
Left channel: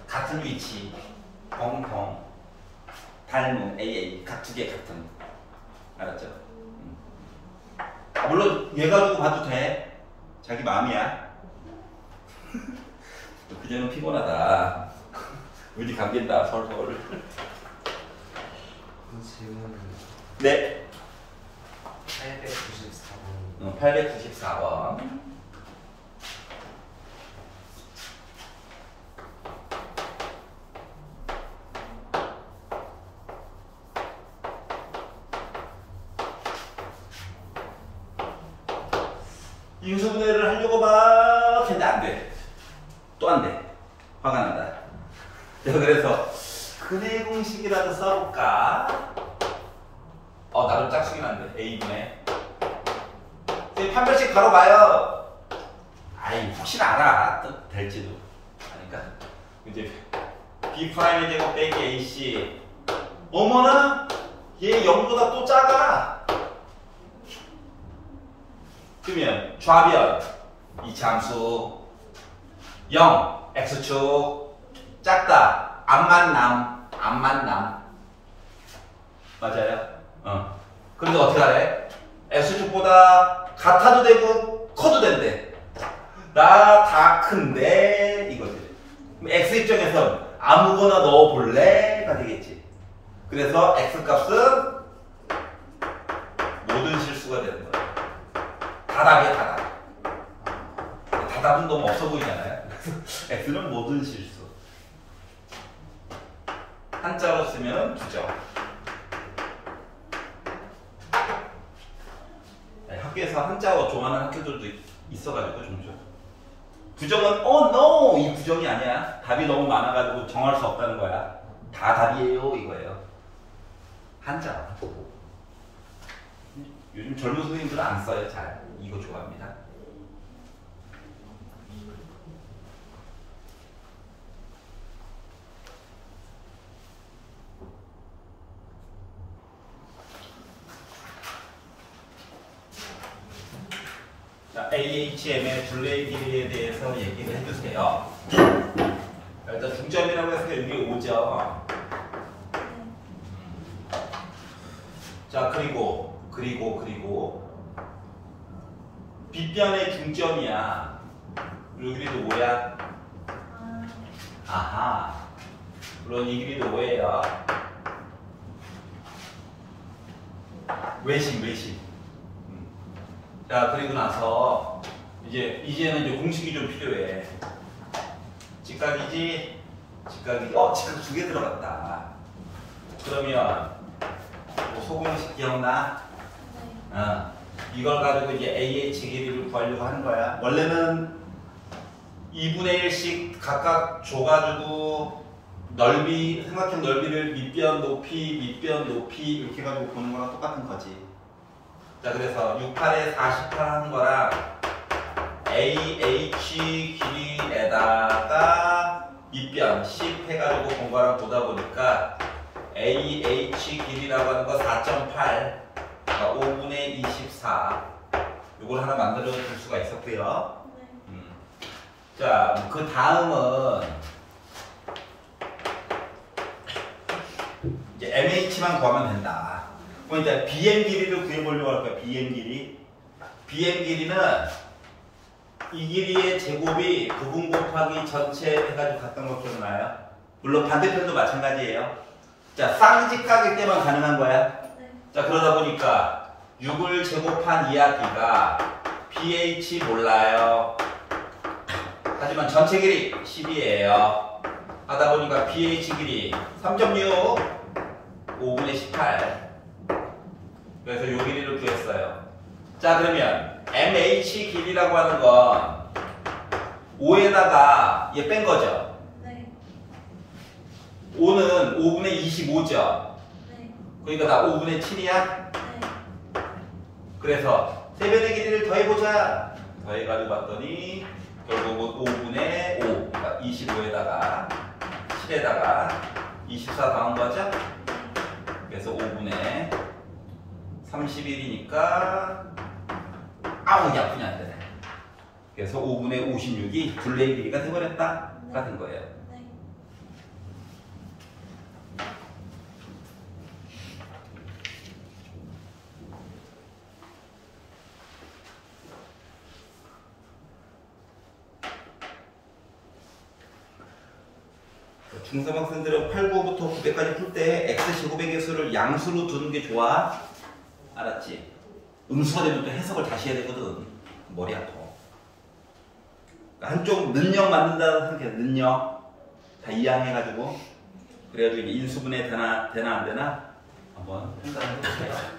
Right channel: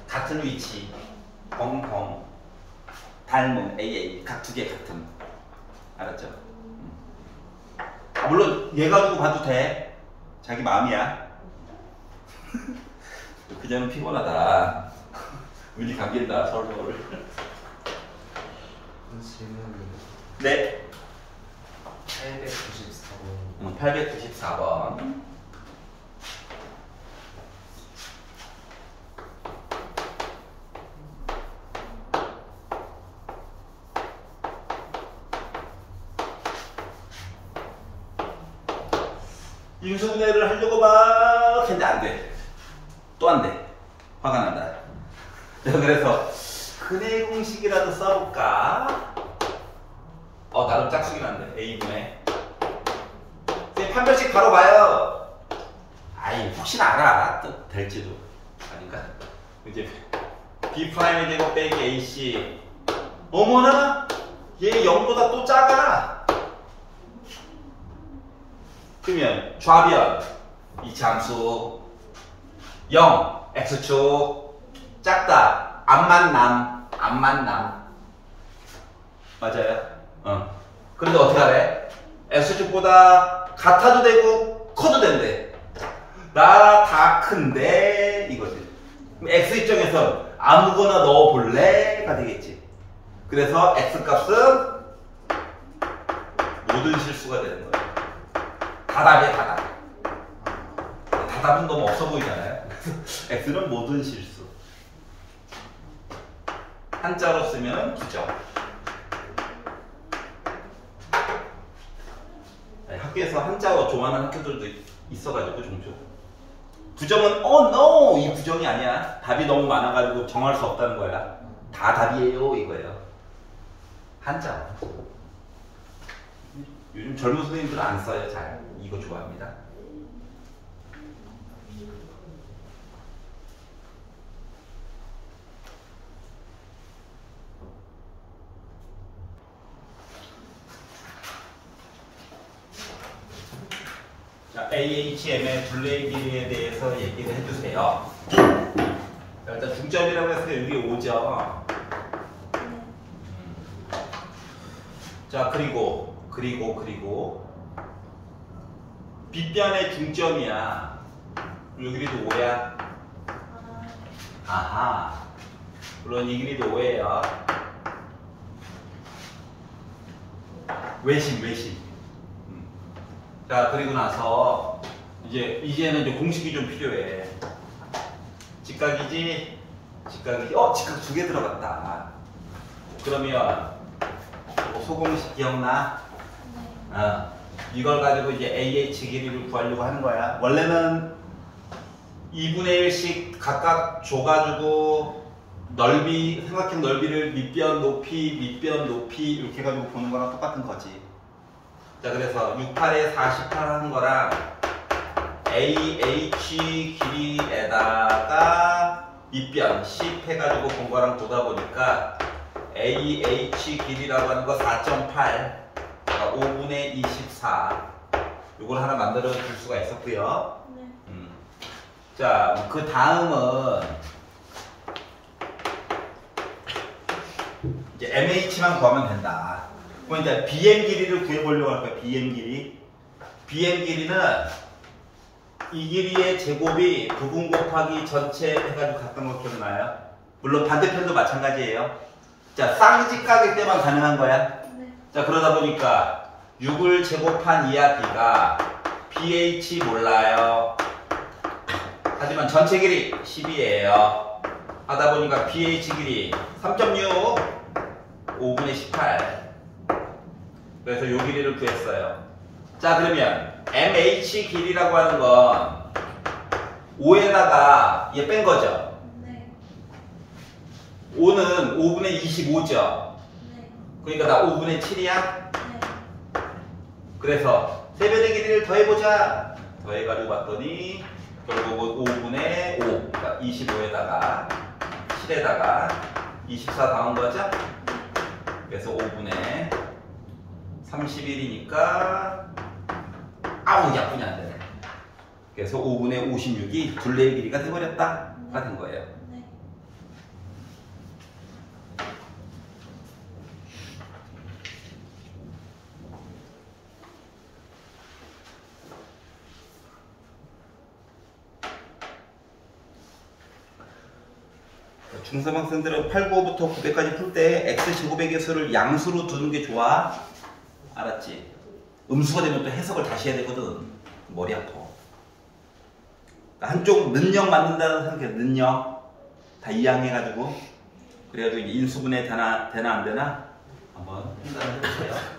같은 위치, 벙벙, 닮음, AA 각 두 개 같음. 알았죠? 물론 얘 가지고 봐도 돼. 자기 마음이야. 그전은 피곤하다. 우리 감긴다 서울. 네. 894번. 894번. 인수분해를 하려고 막 했는데 안 돼. 또 안 돼. 화가 난다. 자, 그래서 근해 공식이라도 써볼까? 나름 짝수긴 한데 A분의 판별식 바로 봐요. 아이, 혹시 알아? 또 될지도. 아닌가? 이제 B 프라임의 제곱 빼기 AC 어머나 얘 0보다 또 작아. 그러면 좌변 이 장수 0 x축 작다. 안 만남 맞아요. 그런데 어떻게 하래? x축보다 같아도 되고 커도 된대. 나 다 큰데 이거지. 그럼 x 입장에선 아무거나 넣어볼래가 되겠지. 그래서 x 값은 모든 실수가 되는 거야. 다답이야 다답. 다답은 너무 없어 보이잖아요. 그래서 x는 모든 실수. 한자로 쓰면 부정. 학교에서 한자로 좋아하는 학교들도 있어가지고 종종. 부정은 no 이 부정이 아니야. 답이 너무 많아가지고 정할 수 없다는 거야. 다 답이에요 이거예요. 한자. 요즘 젊은 선생님들은 안 써요 잘. 이거 좋아합니다. 자, AHM의 둘레의 길이에 대해서 얘기를 해주세요. 자, 일단 중점이라고 해서 여기 오죠. 자, 그리고 빗변의 중점이야. 요 길이도 5야. 아하. 물론 이 길이도 5예요. 외심. 자, 그리고 나서 이제는 이제 공식이 좀 필요해. 직각이지. 직각 2개 들어갔다. 그러면 소공식 기억나? 이걸 가지고 이제 AH 길이를 구하려고 하는 거야. 원래는 2분의 1씩 각각 줘가지고 삼각형 넓이를 밑변 높이 이렇게 해가지고 보는 거랑 똑같은 거지. 자, 그래서 68에 48 하는 거랑 AH 길이에다가 밑변 10 해가지고 본 거랑 보다 보니까 AH 길이라고 하는 거 4.8, 5분의 24 요걸 하나 만들어 줄 수가 있었고요. 자, 그 다음은 이제 MH만 구하면 된다. 그럼 이제 BM 길이를 구해보려고 할 거야. BM 길이. BM 길이는 이 길이의 제곱이 부분 곱하기 전체 해가지고 갔던 거 기억나요? 물론 반대편도 마찬가지예요. 자, 쌍직각일 때만 가능한 거야. 자, 그러다 보니까 6을 제곱한 이야기가 BH 몰라요. 하지만 전체 길이 10이에요. 하다 보니까 BH 길이 3.6 5분의 18. 그래서 요 길이를 구했어요. 자, 그러면 MH 길이라고 하는 건 5에다가 얘 뺀 거죠. 5는 5분의 25죠. 그러니까 나 5분의 7이야. 그래서 세변의 길이를 더해보자. 더해가지고 봤더니 결국은 5분의 5, 그러니까 25에다가 7에다가 24 더한 거죠. 그래서 5분의 31이니까 약분이 안 되네. 그래서 5분의 56이 둘레의 길이가 돼버렸다. 같은 거예요. 중3 학생들은 8, 9부터 900까지 풀 때 x제곱의 개수를 양수로 두는 게 좋아. 알았지? 음수가 되면 또 해석을 다시 해야 되거든. 머리 아파. 한쪽 는영 만든다고 생각해. 는영 다 이항해가지고 그래가지고 인수분해 되나 안 되나 한번 생각을 해볼게요.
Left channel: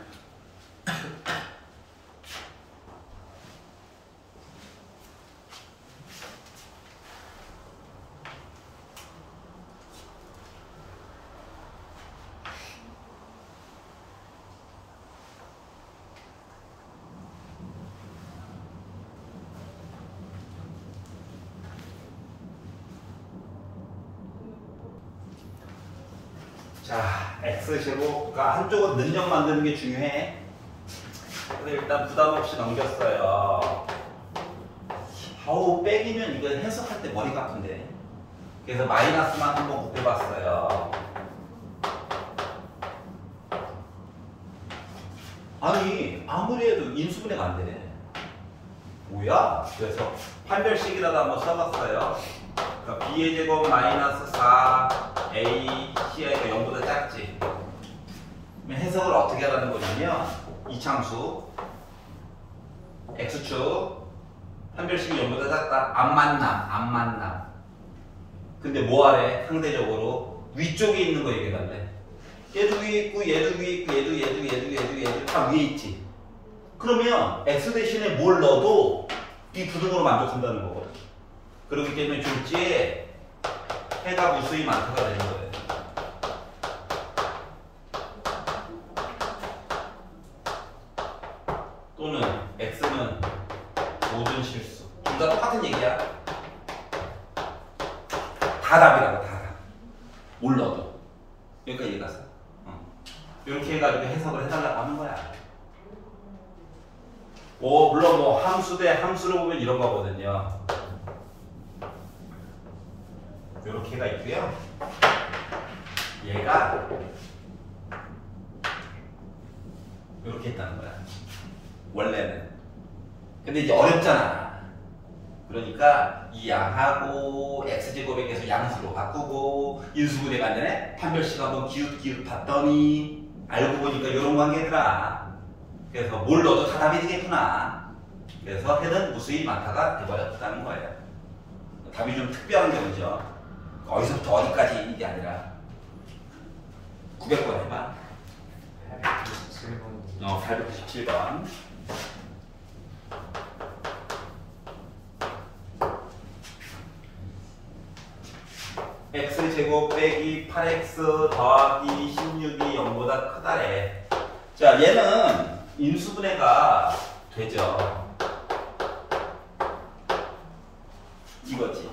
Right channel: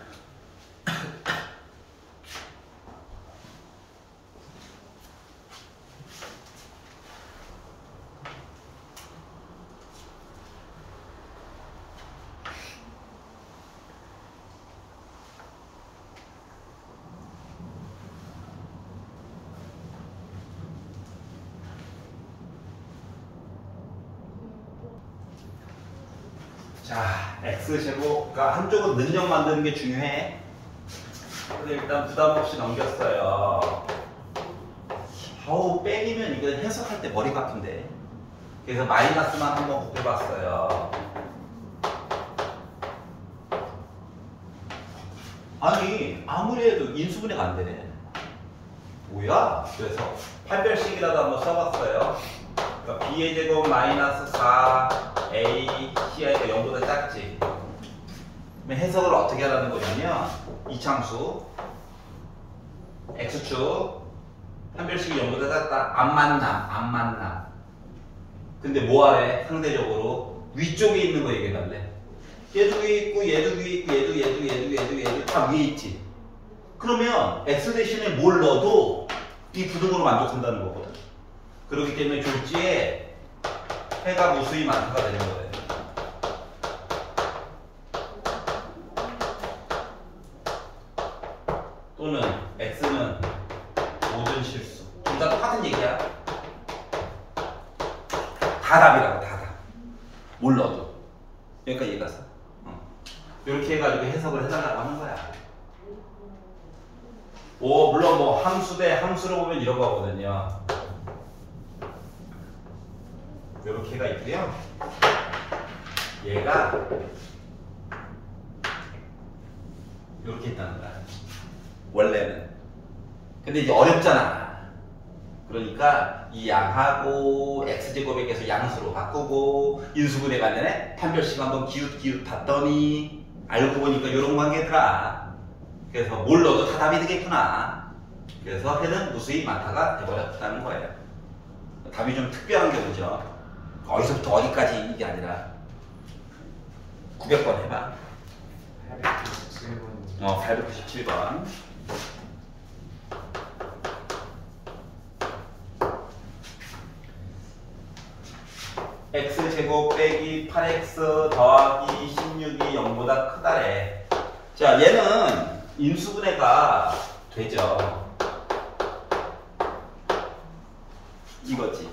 자, x제곱가 한쪽은 능력 만드는 게 중요해. 근데 일단 부담 없이 넘겼어요. 아우, 빼기면 이거 해석할 때 머리가 아픈데. 그래서 마이너스만 한번 곱해봤어요. 아니, 아무리 해도 인수분해가 안 되네. 뭐야? 그래서 판별식이라도 한번 써봤어요. 그러니까 b의 제곱 마이너스 4a c이니까 0보다 작지. 그럼 해석을 어떻게 하라는 거냐면 이참수 x축 판별식이 0보다 작다. 안 만나. 근데 뭐하래? 상대적으로 위쪽에 있는 거 얘기한대. 얘도 위에 있고 얘도 위에 있고 얘도 다 위에 있지. 그러면 x 대신에 뭘 넣어도 이 부등호로 만족한다는 거거든. 그렇기 때문에 졸지에 해가 무수히 많다가 되는 거예요. 또는 x는 모든 실수. 둘 다 똑같은 얘기야. 다 답이라고, 다 답. 뭘 넣어도. 여기까지 이해가서. 이렇게 해가지고 해석을 해달라고 하는 거야. 물론 뭐 함수 대 함수로 보면 이런 거거든요. 이렇게가 있고요. 얘가 이렇게 있다는 거야. 원래는. 근데 이제 어렵잖아. 그러니까 이 양하고 x제곱에 계속 양수로 바꾸고 인수분해 간에 판별식 한번 기웃기웃 봤더니 알고 보니까 이런 관계더라. 그래서 뭘 넣어도 다 답이 되겠구나. 그래서 해는 무수히 많다가 돼버렸다는 거예요. 답이 좀 특별한 경우죠. 어디서부터 어디까지 이게 아니라 900번 해봐. 897번. x제곱 빼기 8x 더하기 16이 0보다 크다래. 자, 얘는 인수분해가 되죠. 이거지.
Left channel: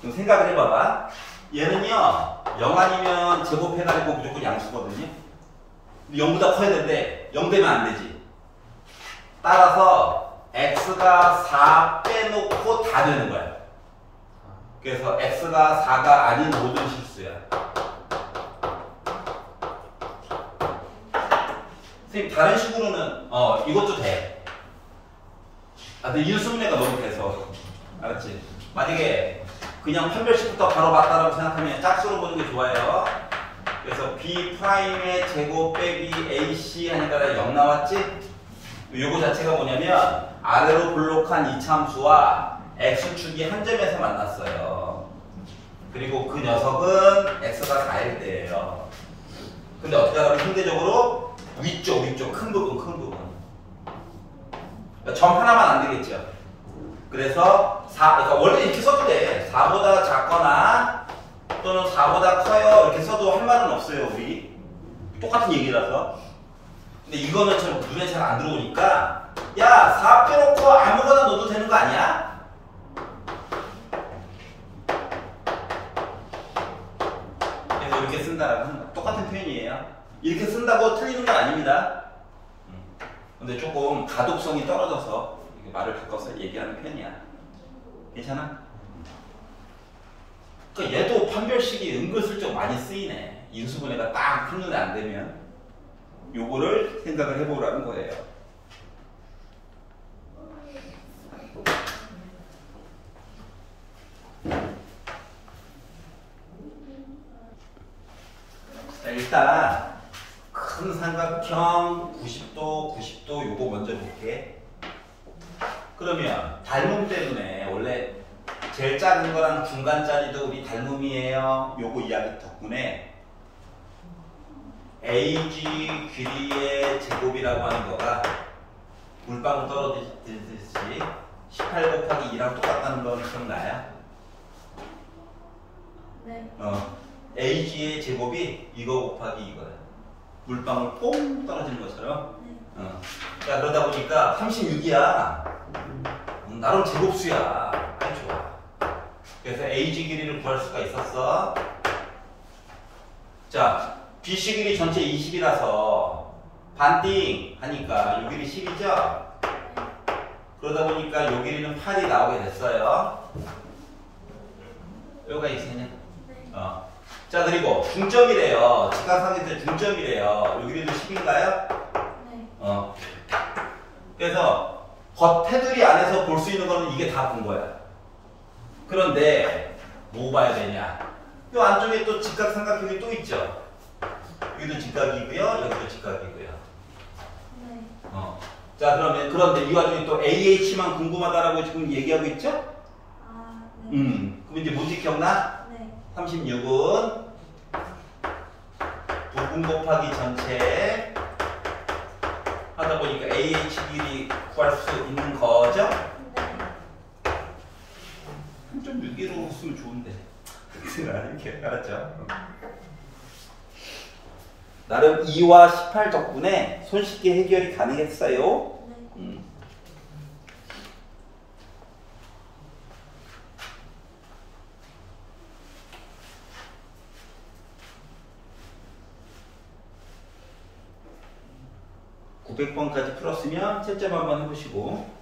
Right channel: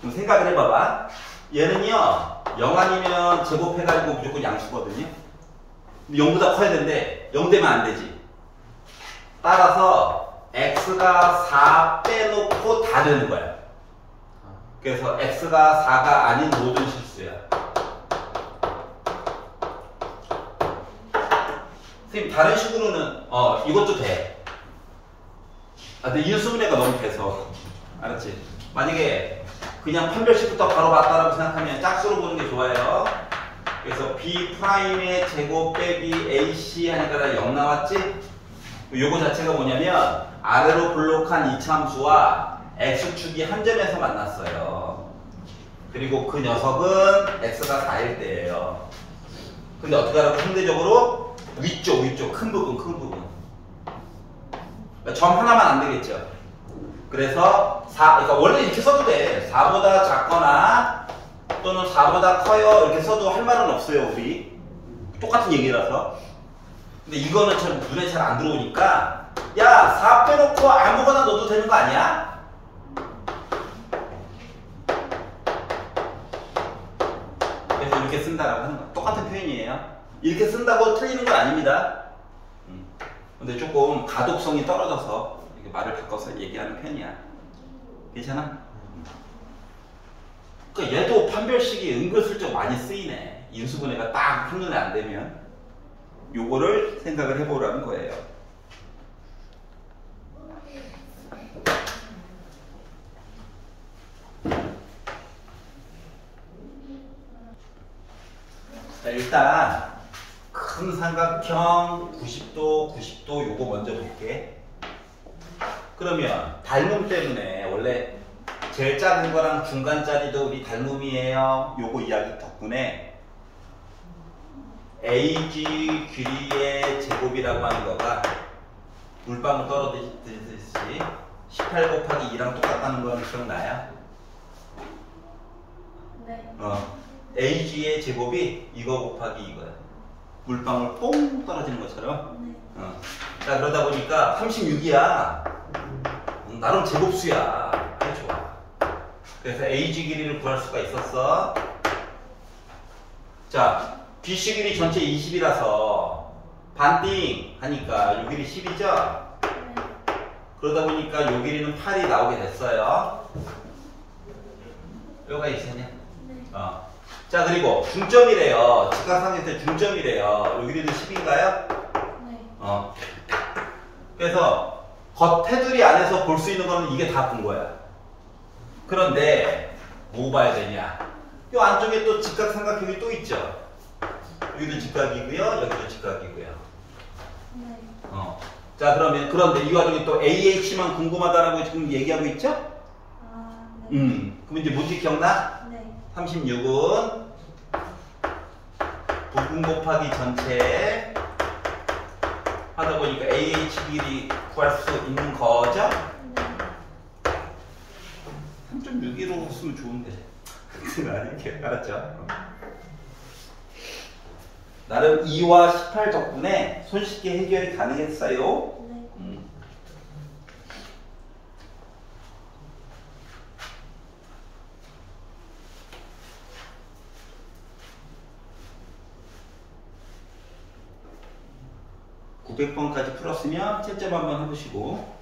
그럼 생각을 해봐봐. 얘는요 0 아니면 제곱해가지고 무조건 양수거든요. 근데 0보다 커야 되는데 0 되면 안 되지. 따라서 x가 4 빼놓고 다 되는 거야. 그래서 x가 4가 아닌 모든 실수야. 선생님 다른 식으로는 이것도 돼. 근데 인수분해가 너무 돼서. 알았지? 만약에 그냥 판별식부터 바로 맞다라고 생각하면 짝수로 보는 게 좋아요. 그래서 b'의 제곱 빼기 ac 하니까 0 나왔지? 요거 자체가 뭐냐면 아래로 블록한 이참수와 x축이 한 점에서 만났어요. 그리고 그 녀석은 x가 4일 때예요. 근데 어떻게 하라고? 상대적으로 위쪽 큰 부분 점 하나만 안 되겠죠. 그래서 그러니까 원래 이렇게 써도 돼. 4보다 작거나 또는 4보다 커요 이렇게 써도 할 말은 없어요. 우리 똑같은 얘기라서. 근데 이거는 참 눈에 잘 안 들어오니까 야 4 빼놓고 아무거나 넣어도 되는 거 아니야? 그래서 이렇게 쓴다라고 하는 거야. 똑같은 표현이에요. 이렇게 쓴다고 틀리는 건 아닙니다. 근데 조금 가독성이 떨어져서 말을 바꿔서 얘기하는 편이야. 괜찮아? 그러니까 얘도 판별식이 은근슬쩍 많이 쓰이네. 인수분해가 딱 한눈에 안 되면 요거를 생각을 해보라는 거예요. 자, 일단 큰 삼각형 90도 요거 먼저 볼게. 그러면 닮음 때문에 원래 제일 작은 거랑 중간짜리도 우리 닮음이에요. 요거 이야기 덕분에 AG 길이의 제곱이라고 하는 거가 물방울 떨어지듯이 18 곱하기 2랑 똑같다는 건 기억나요? 네. AG의 제곱이 이거 곱하기 이거야. 물방울 뽕 떨어지는 것처럼. 네. 자, 그러다 보니까 36이야. 나름 제곱수야. 아주 좋아. 그래서 AG 길이를 구할 수가 있었어. 자, 뒷식일이 전체 20이라서 반띵 하니까 요 길이 10이죠? 그러다 보니까 요 길이는 8이 나오게 됐어요. 여기가 있었냐? 자, 그리고 중점이래요. 직각삼각형의 중점이래요. 요 길이는 10인가요? 네. 그래서 겉 테두리 안에서 볼 수 있는 거는 이게 다 본 거야. 그런데 뭐 봐야 되냐? 이 안쪽에 또 직각삼각형이 또 있죠. 여기도 직각이고요, 여기도 직각이고요. 네. 자, 그러면 그런데 이 와중에 또 AH만 궁금하다라고 지금 얘기하고 있죠? 아, 네. 그럼 이제 뭔지 기억나? 네. 36은 부분 곱하기 전체 하다 보니까 AH 길이 구할 수 있는 거죠? 네. 3.61로 쓰면 좋은데. 아니, 알았죠? 나름 2와 18 덕분에 손쉽게 해결이 가능했어요. 네. 900번까지 풀었으면 채점 한번 해보시고.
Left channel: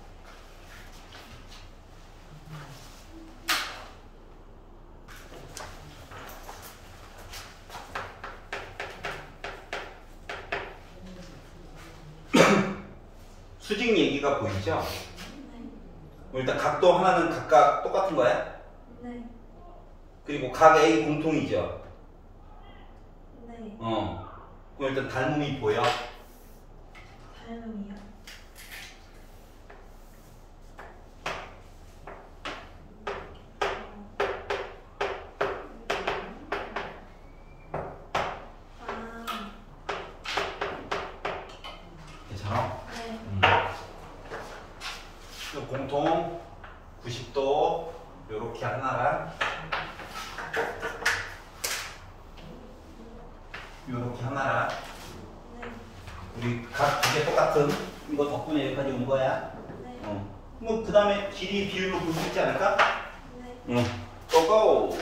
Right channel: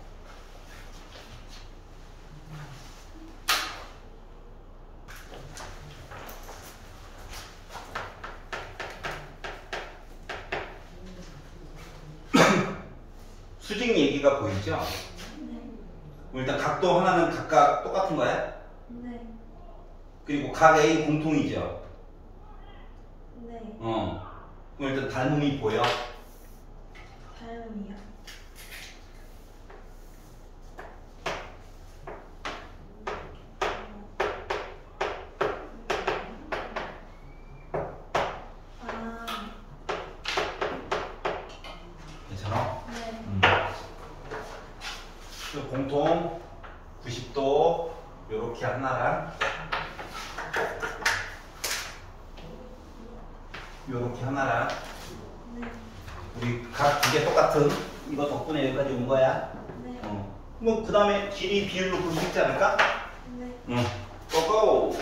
수직 얘기가 보이죠? 네. 일단 각도 하나는 각각 똑같은 거야? 네. 그리고 각 A 공통이죠? 네. 그럼 일단 닮음이 보여? 닮음이요. 괜찮아? 네. 그 공통 90도 요렇게 하나랑 요렇게 하나랑 네. 우리 각 두 개 똑같은 이거 덕분에 여기까지 온 거야. 네. 뭐 그 다음에 길이 비율로 볼 수 있지 않을까? 네. 고고!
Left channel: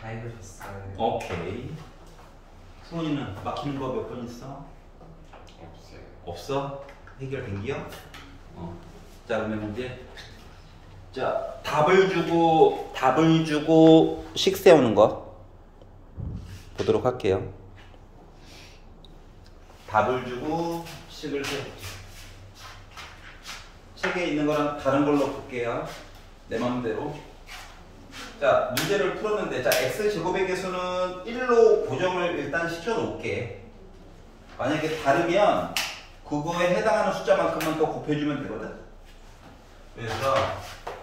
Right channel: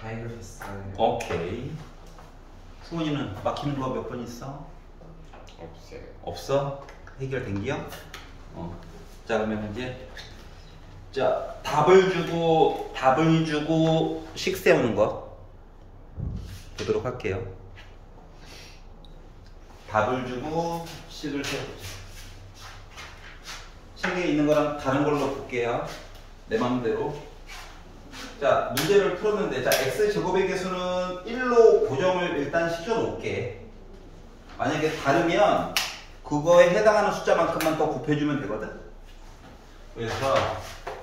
다 해결했어요. 오케이. 수원이는 막히는 거 몇 번 있어? 없어요. 없어? 해결된 게요? 자, 그러면 이제 자, 답을 주고 식 세우는 거 보도록 할게요. 답을 주고 식을 세우죠. 책에 있는 거랑 다른 걸로 볼게요. 내 맘대로. 자, 문제를 풀었는데, 자, x제곱의 개수는 1로 고정을 일단 시켜놓을게. 만약에 다르면 그거에 해당하는 숫자만큼만 더 곱해주면 되거든. 그래서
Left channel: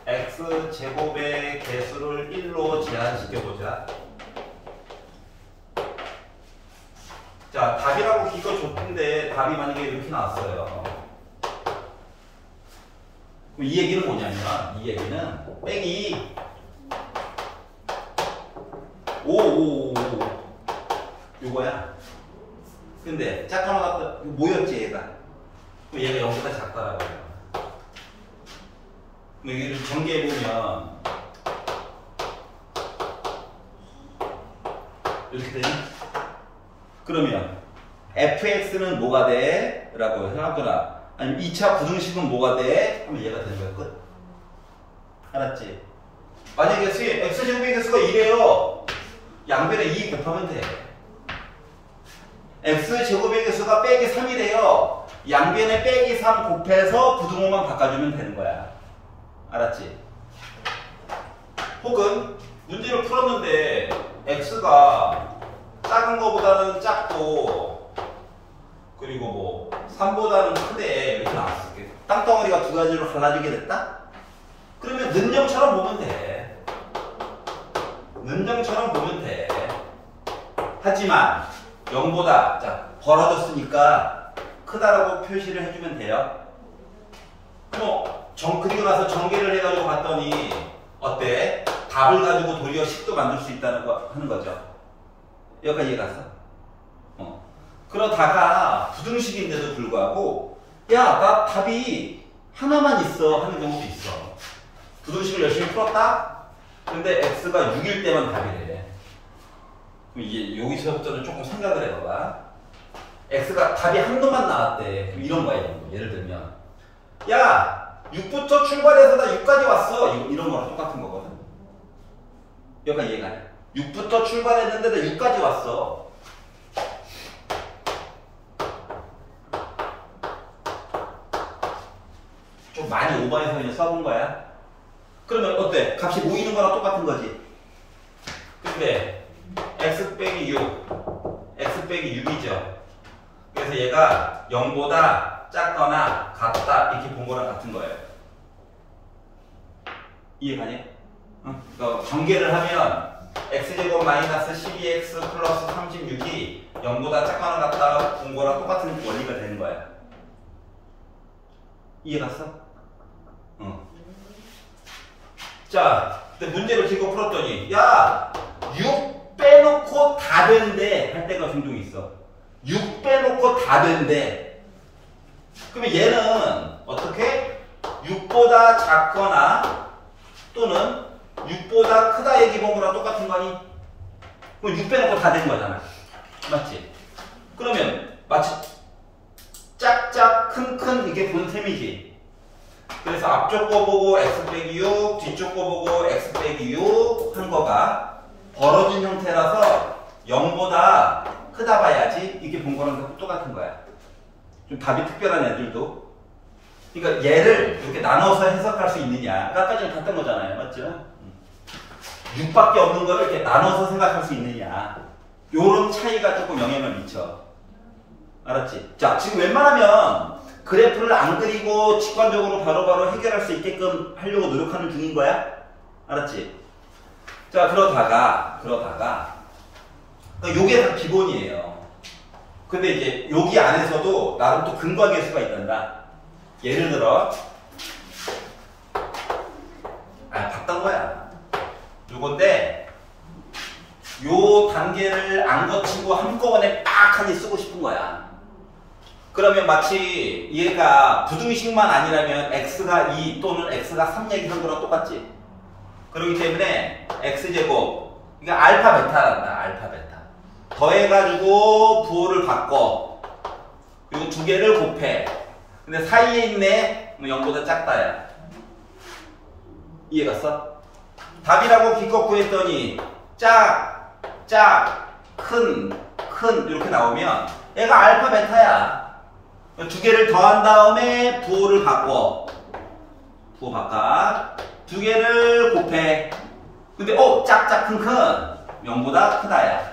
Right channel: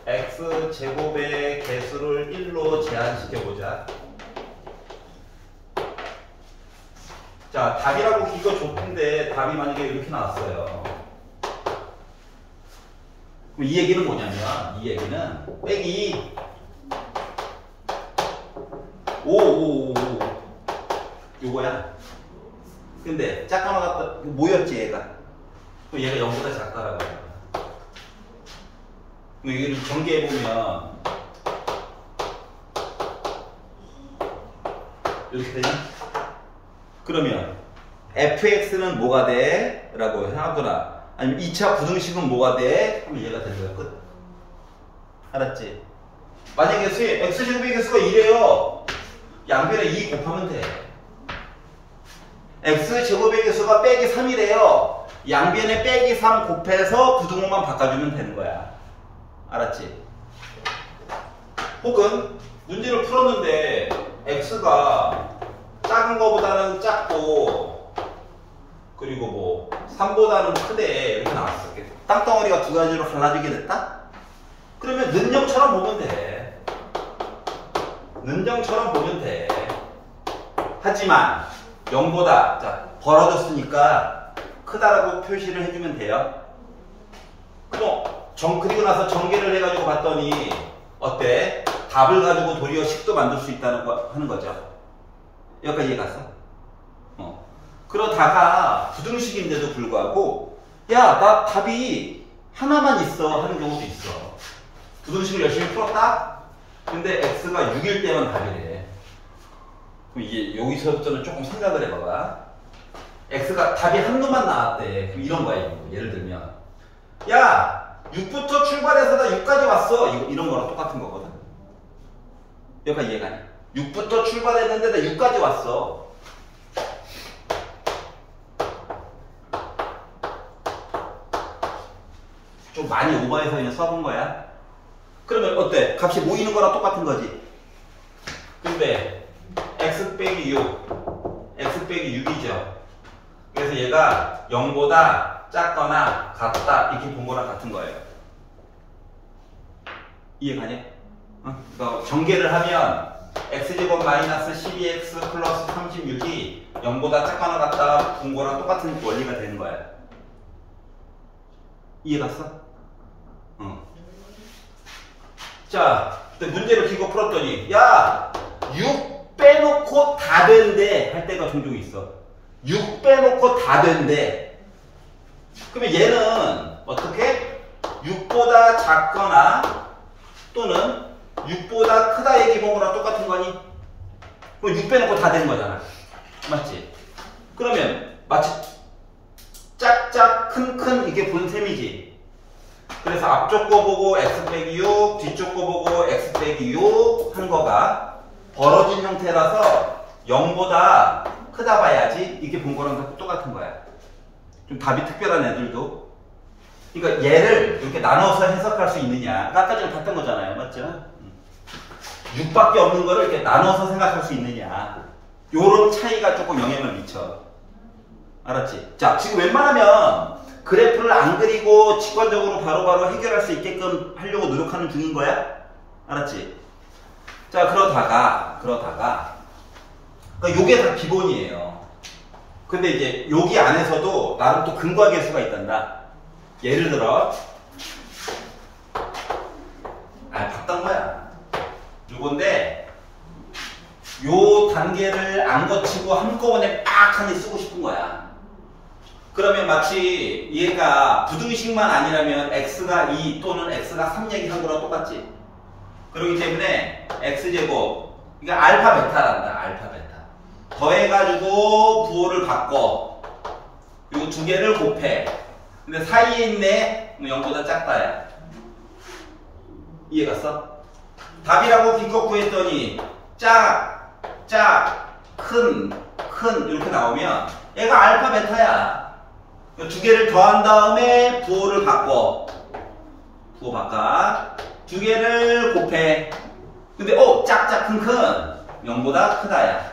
x제곱의 개수를 1로 제한시켜보자. 자, 답이라고 기껏 줬던데 답이 만약에 이렇게 나왔어요. 그럼 이 얘기는 뭐냐면, 이 얘기는 빼기 5 요거야. 근데 짝하나 같다. 뭐였지 얘가? 그럼 얘가 0보다 작다라고 해요. 그럼 이거를 전개해보면 이렇게 되냐? 그러면 fx는 뭐가 돼? 라고 하거나 아니면 2차 부등식은 뭐가 돼? 그러면 얘가 되는 거야. 끝. 알았지? 만약에 x제곱의 개수가 2래요. 양변에 2 곱하면 돼. x제곱의 개수가 빼기 3이래요. 양변에 빼기 3 곱해서 부등호만 바꿔주면 되는 거야. 알았지? 혹은 문제를 풀었는데 x가 작은 거보다는 작고 그리고 뭐 3보다는 크대 이렇게 나왔어. 땅덩어리가 두 가지로 갈라지게 됐다? 그러면 는정처럼 보면 돼. 는정처럼 보면 돼. 하지만 0보다 자 벌어졌으니까 크다라고 표시를 해주면 돼요. 그리고 나서 전개를 해가지고 봤더니 어때? 답을 가지고 도리어 식도 만들 수 있다는 거 하는 거죠. 여기까지 이해 갔어? 그러다가 부등식인데도 불구하고 야, 나 답이 하나만 있어 하는 경우도 있어. 부등식을 열심히 풀었다? 근데 x가 6일 때만 답이래. 그럼 이제 여기서부터는 조금 생각을 해봐봐. x가 답이 한 놈만 나왔대. 그럼 이런 거야. 이런 거. 예를 들면 야, 6부터 출발해서 나 6까지 왔어. 이런 거랑 똑같은 거거든. 여기까지 이해가 돼. 6부터 출발했는데 나 6까지 왔어. 좀 많이 오버해서 그냥 써본 거야. 그러면 어때? 값이 모이는 거랑 똑같은 거지. 근데 x 빼기 6 x 빼기 6이죠. 그래서 얘가 0보다 작거나 같다 이렇게 본 거랑 같은 거예요. 이해가냐? 전개를 하면 x제곱 마이너스 12x 플러스 36이 0보다 작거나 같다 본 거랑 똑같은 원리가 되는 거야. 이해갔어? 자, 문제를 기고 풀었더니 야, 6 빼놓고 다 된대 할 때가 종종 있어. 6 빼놓고 다 된대. 그러면 얘는 어떻게? 6보다 작거나 또는 6보다 크다 얘기 본 거랑 똑같은 거니? 그럼 6 빼놓고 다 된 거잖아. 맞지? 그러면 마치 짝짝 큰큰 이게 본 셈이지. 그래서 앞쪽 거 보고 x 빼기 6, 뒤쪽 거 보고 x 빼기 6 한 거가 벌어진 형태라서 0보다 크다 봐야지 이게 본 거랑 똑같은 거야. 좀 답이 특별한 애들도. 그러니까 얘를 이렇게 나눠서 해석할 수 있느냐. 아까 전에 봤던 거잖아요. 맞죠? 6밖에 없는 거를 이렇게 나눠서 생각할 수 있느냐. 요런 차이가 조금 영향을 미쳐. 알았지? 자, 지금 웬만하면 그래프를 안 그리고 직관적으로 바로바로 해결할 수 있게끔 하려고 노력하는 중인 거야? 알았지? 자, 그러다가 그러니까 요게 다 기본이에요. 근데 이제 여기 안에서도 나름 또 근과 계수가 있단다. 예를 들어 봤던 거야. 요건데 요 단계를 안 거치고 한꺼번에 빡 하니 쓰고 싶은 거야. 그러면 마치 얘가 부등식만 아니라면 x가 2 또는 x가 3 얘기한 거랑 똑같지. 그렇기 때문에 x제곱 이게 알파 베타란다. 알파 베타 더해가지고 부호를 바꿔. 그리고 두 개를 곱해. 근데 사이에 있네 0보다 작다야. 이해갔어? 답이라고 기껏 구했더니 짝, 큰 이렇게 나오면 얘가 알파 베타야. 두 개를 더한 다음에 부호를 바꿔. 부호 바꿔. 두 개를 곱해. 근데 짝짝 큰 0보다 크다야.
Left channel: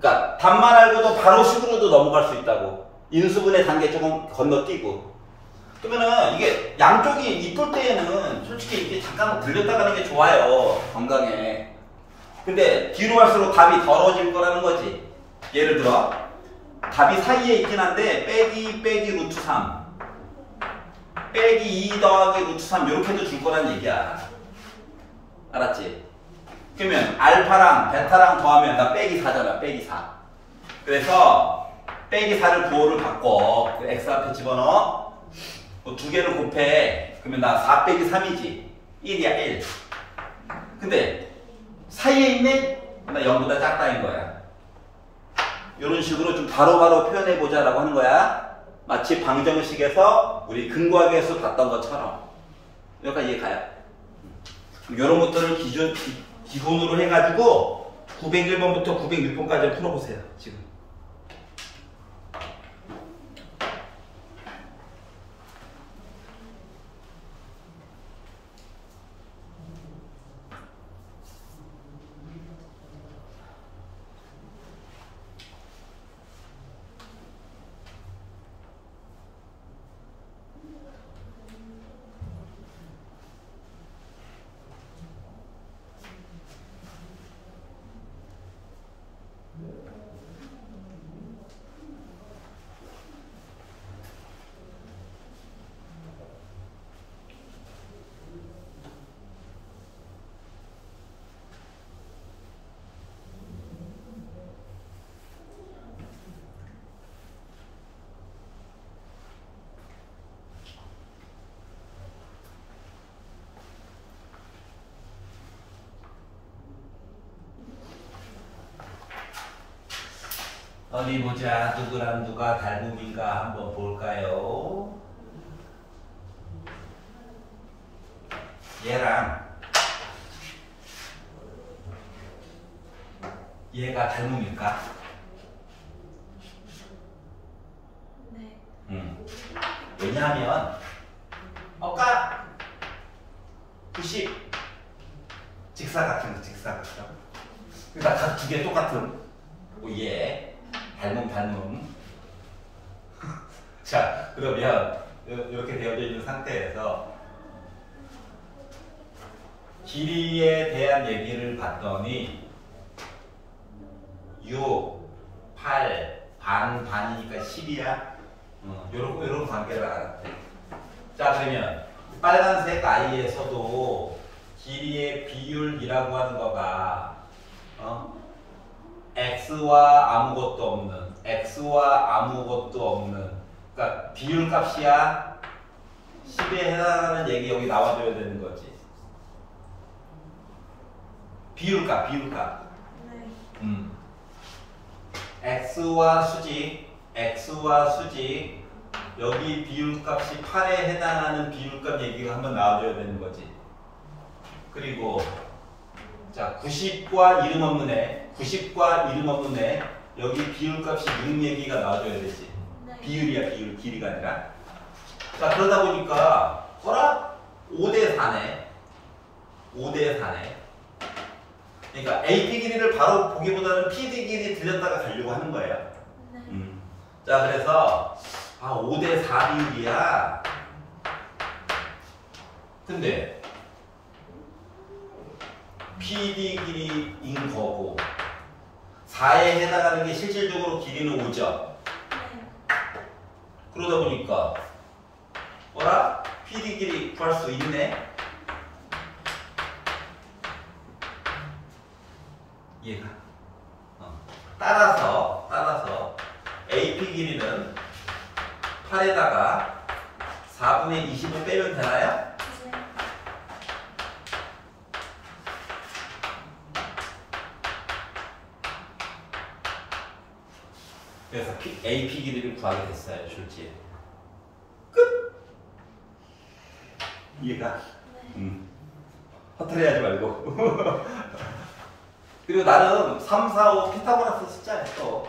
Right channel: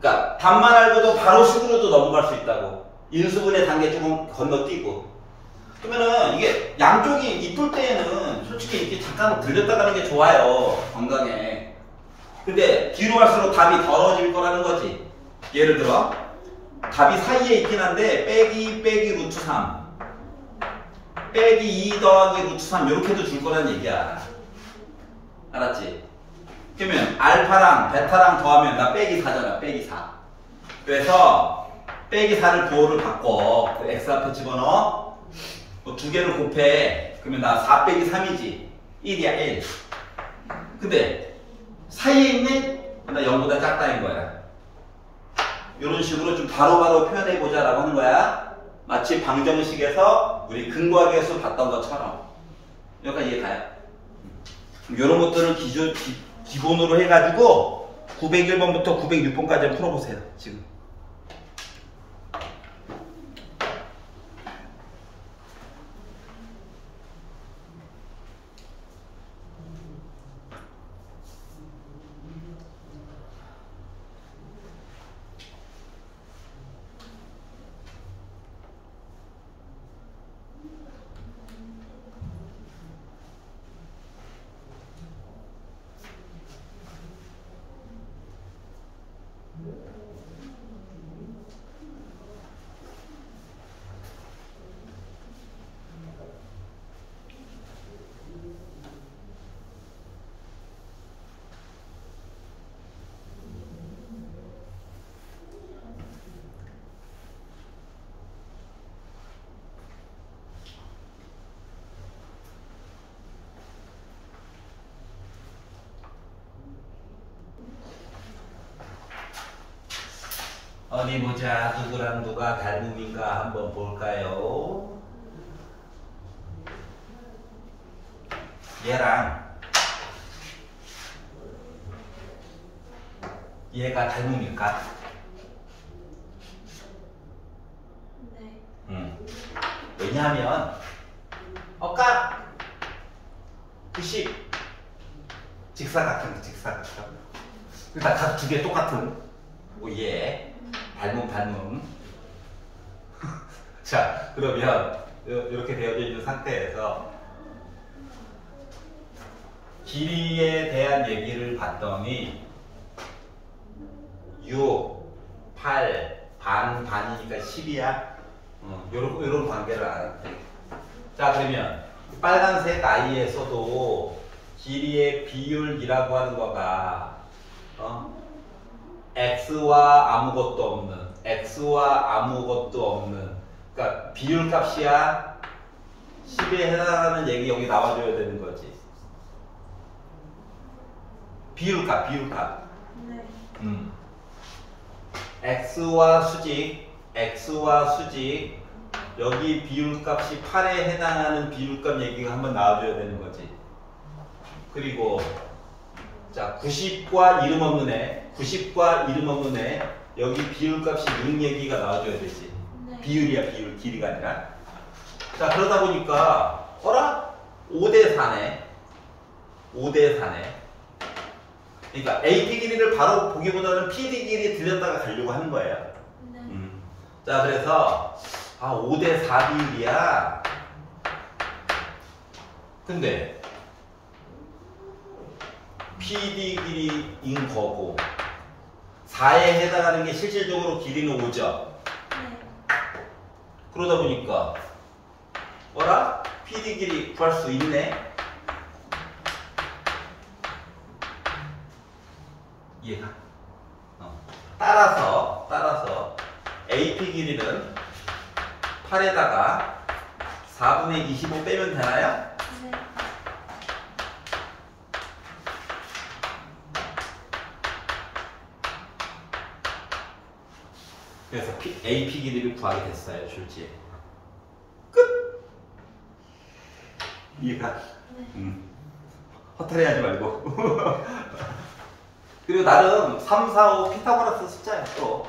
그러니까 답만 알고도 바로 식으로도 넘어갈 수 있다고. 인수분해 단계 조금 건너뛰고. 그러면은 이게 양쪽이 이쁠 때에는 솔직히 이렇게 잠깐 들렸다 가는 게 좋아요. 건강에. 근데 뒤로 갈수록 답이 더러워질 거라는 거지. 예를 들어 답이 사이에 있긴 한데 빼기 루트 3 빼기 2 더하기 루트 3 이렇게도 줄 거란 얘기야. 알았지? 그러면 알파랑 베타랑 더하면 나 빼기 4잖아. 빼기 4. 그래서 빼기 4를 부호를 바꿔. 그 x 앞에 집어넣어. 두 개를 곱해. 그러면 나 4 빼기 3이지. 1이야 1. 근데 사이에 있네? 나 0보다 작다는 거야. 이런 식으로 좀 바로바로 표현해보자 라고 하는 거야. 마치 방정식에서 우리 근거하기에서 봤던 것처럼. 여기까지 이해 가요? 이런 것들을 기본으로 해가지고 901번부터 906번까지 풀어보세요. 지금. 어디 보자. 누구랑 누가 닮음인가 한번 볼까요? 얘랑 얘가 닮음일까? 네. 왜냐하면 아까 90 직사각형 각 두 개 똑같은 얘 닮음 자 그러면 이렇게 되어져 있는 상태에서 길이에 대한 얘기를 봤더니 6, 8, 반이니까 10이야. 요런 관계를 알았대. 자 그러면 빨간색 아이에서도 길이의 비율이라고 하는 거가 x와 아무것도 없는 그러니까 비율 값이야. 10에 해당하는 얘기 여기 나와줘야 되는 거지. 비율값 네. x와 수직 여기 비율값이 8에 해당하는 비율값 얘기가 한번 나와줘야 되는 거지. 그리고 자 90과 이름 없는 애 여기 비율값이 6 얘기가 나와줘야 되지. 네. 비율이야 비율 길이가 아니라. 자 그러다 보니까 어라? 5대 4네. 그러니까 AP 길이를 바로 보기보다는 PD 길이 들렸다가 가려고 하는 거예요. 네. 자 그래서 5대 4 비율이야. 근데 PD 길이인 거고 4에 해당하는 게 실질적으로 길이는 5죠. 네. 그러다 보니까 뭐라? PD 길이 구할 수 있네. 이해가? 따라서 AP 길이는 8에다가 4분의 25 빼면 되나요? 네. 그래서 AP 길이를 구하게 됐어요. 줄지에. 끝! 이해가? 네. 허탈해하지 말고. 그리고 나름 3, 4, 5 피타고라스 숫자야 또.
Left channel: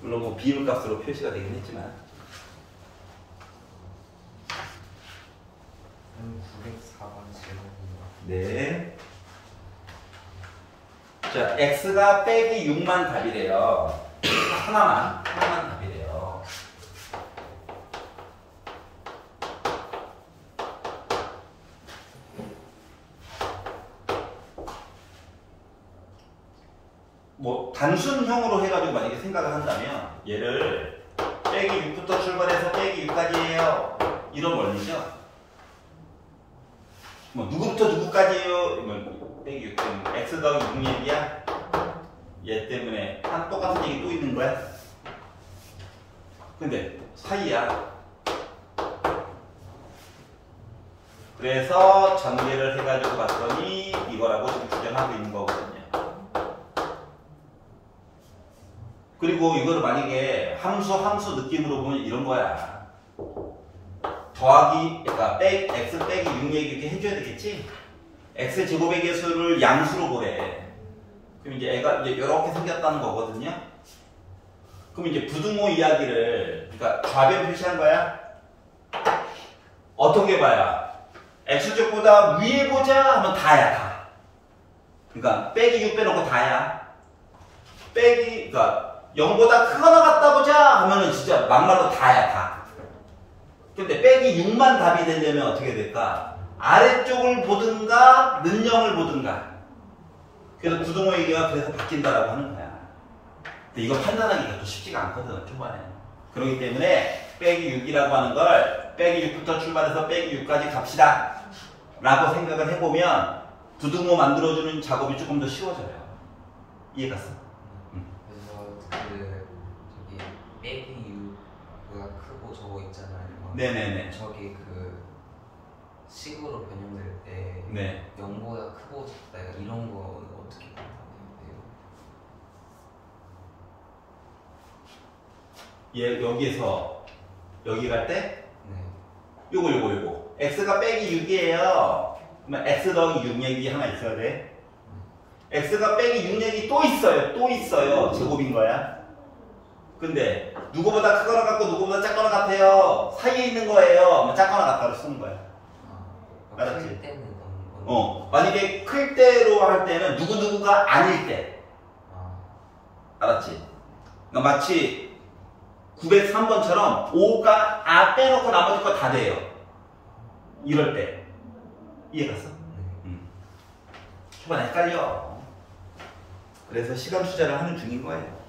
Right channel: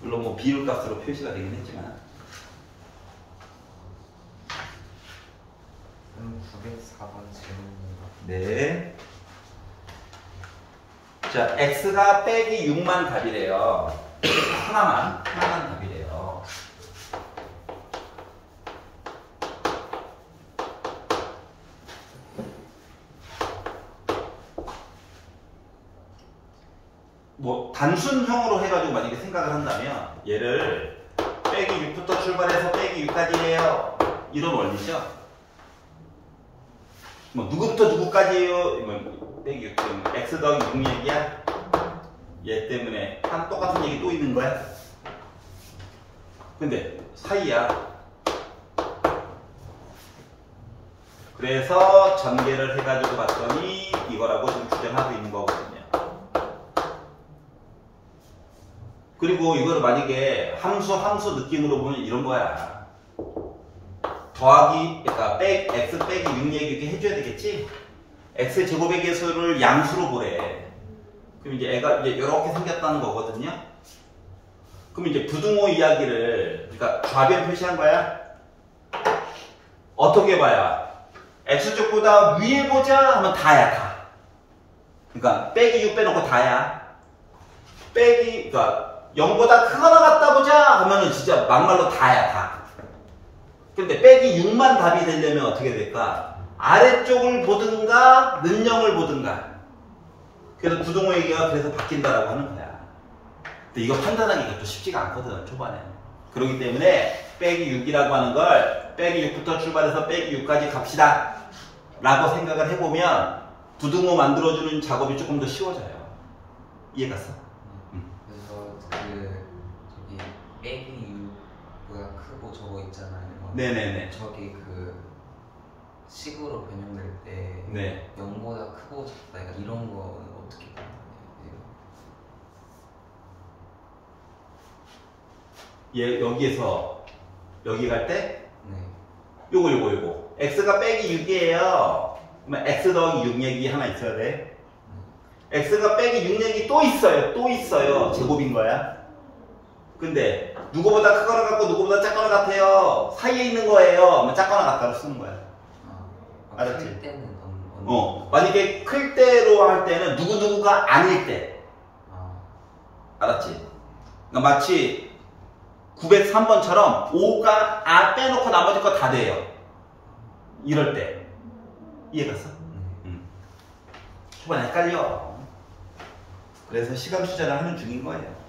물론 뭐 비율값으로 표시가 되긴 했지만. 904번 질문입니다. 네. 자, x가 빼기 6만 답이래요. 하나만 답이래요. 뭐 단순형으로 해가지고 만약에 생각을 한다면 얘를 빼기 6부터 출발해서 빼기 6까지예요. 이런 원리죠. 뭐 누구부터 누구까지예요? 이건 빼기 6 때문에 x 더하기 6 얘기야. 얘 때문에 한 똑같은 얘기 또 있는 거야. 근데 사이야. 그래서 전개를 해가지고 봤더니 이거라고 지금 주장하고 있는 거거든요. 그리고 이거를 만약에 함수 느낌으로 보면 이런 거야. 더하기, 그러니까 x 빼기 6 얘기 이렇게 해줘야 되겠지? x 제곱의 개수를 양수로 보래. 그럼 이제 애가 이제 이렇게 생겼다는 거거든요. 그럼 이제 부등호 이야기를, 그러니까 좌변 표시한 거야. 어떻게 봐야? x축보다 위에 보자 하면 다야, 다. 그러니까 빼기 6 빼놓고 다야. 빼기, 그러니까 0보다 크거나 같다 보자 하면은 진짜 막말로 다야, 다. 근데 빼기 6만 답이 되려면 어떻게 될까? 아래쪽을 보든가 는영을 보든가. 그래서 부등호 얘기가 그래서 바뀐다라고 하는 거야. 근데 이거 판단하기가 또 쉽지가 않거든, 초반에. 그렇기 때문에 빼기 6이라고 하는 걸 빼기 6부터 출발해서 빼기 6까지 갑시다 라고 생각을 해보면 부등호 만들어주는 작업이 조금 더 쉬워져요. 이해갔어? 그래서 저기 빼기 6보다 크고 저거 있잖아요. 네네네. 저기 그 식으로 변형될 때 네. 0보다 크고 작다, 약간 이런 거는 어떻게 해요? 얘 여기에서 여기 갈 때 네. 요거 x가 빼기 6이에요. 그러면 x 더하기 6 얘기 하나 있어야 돼. x가 빼기 6 얘기 또 있어요. 제곱인 거야. 근데 누구보다 크거나 같고 누구보다 작거나 같아요. 사이에 있는 거예요. 작거나 같다고 쓰는 거야. 알았지? 클 때는 만약에 클 때로 할 때는 누구누구가 아닐 때. 알았지? 그러니까 마치 903번처럼 5가 빼놓고 나머지 거 다 돼요. 이럴 때. 이해갔어? 초반에 헷갈려. 그래서 시간 투자를 하는 중인 거예요.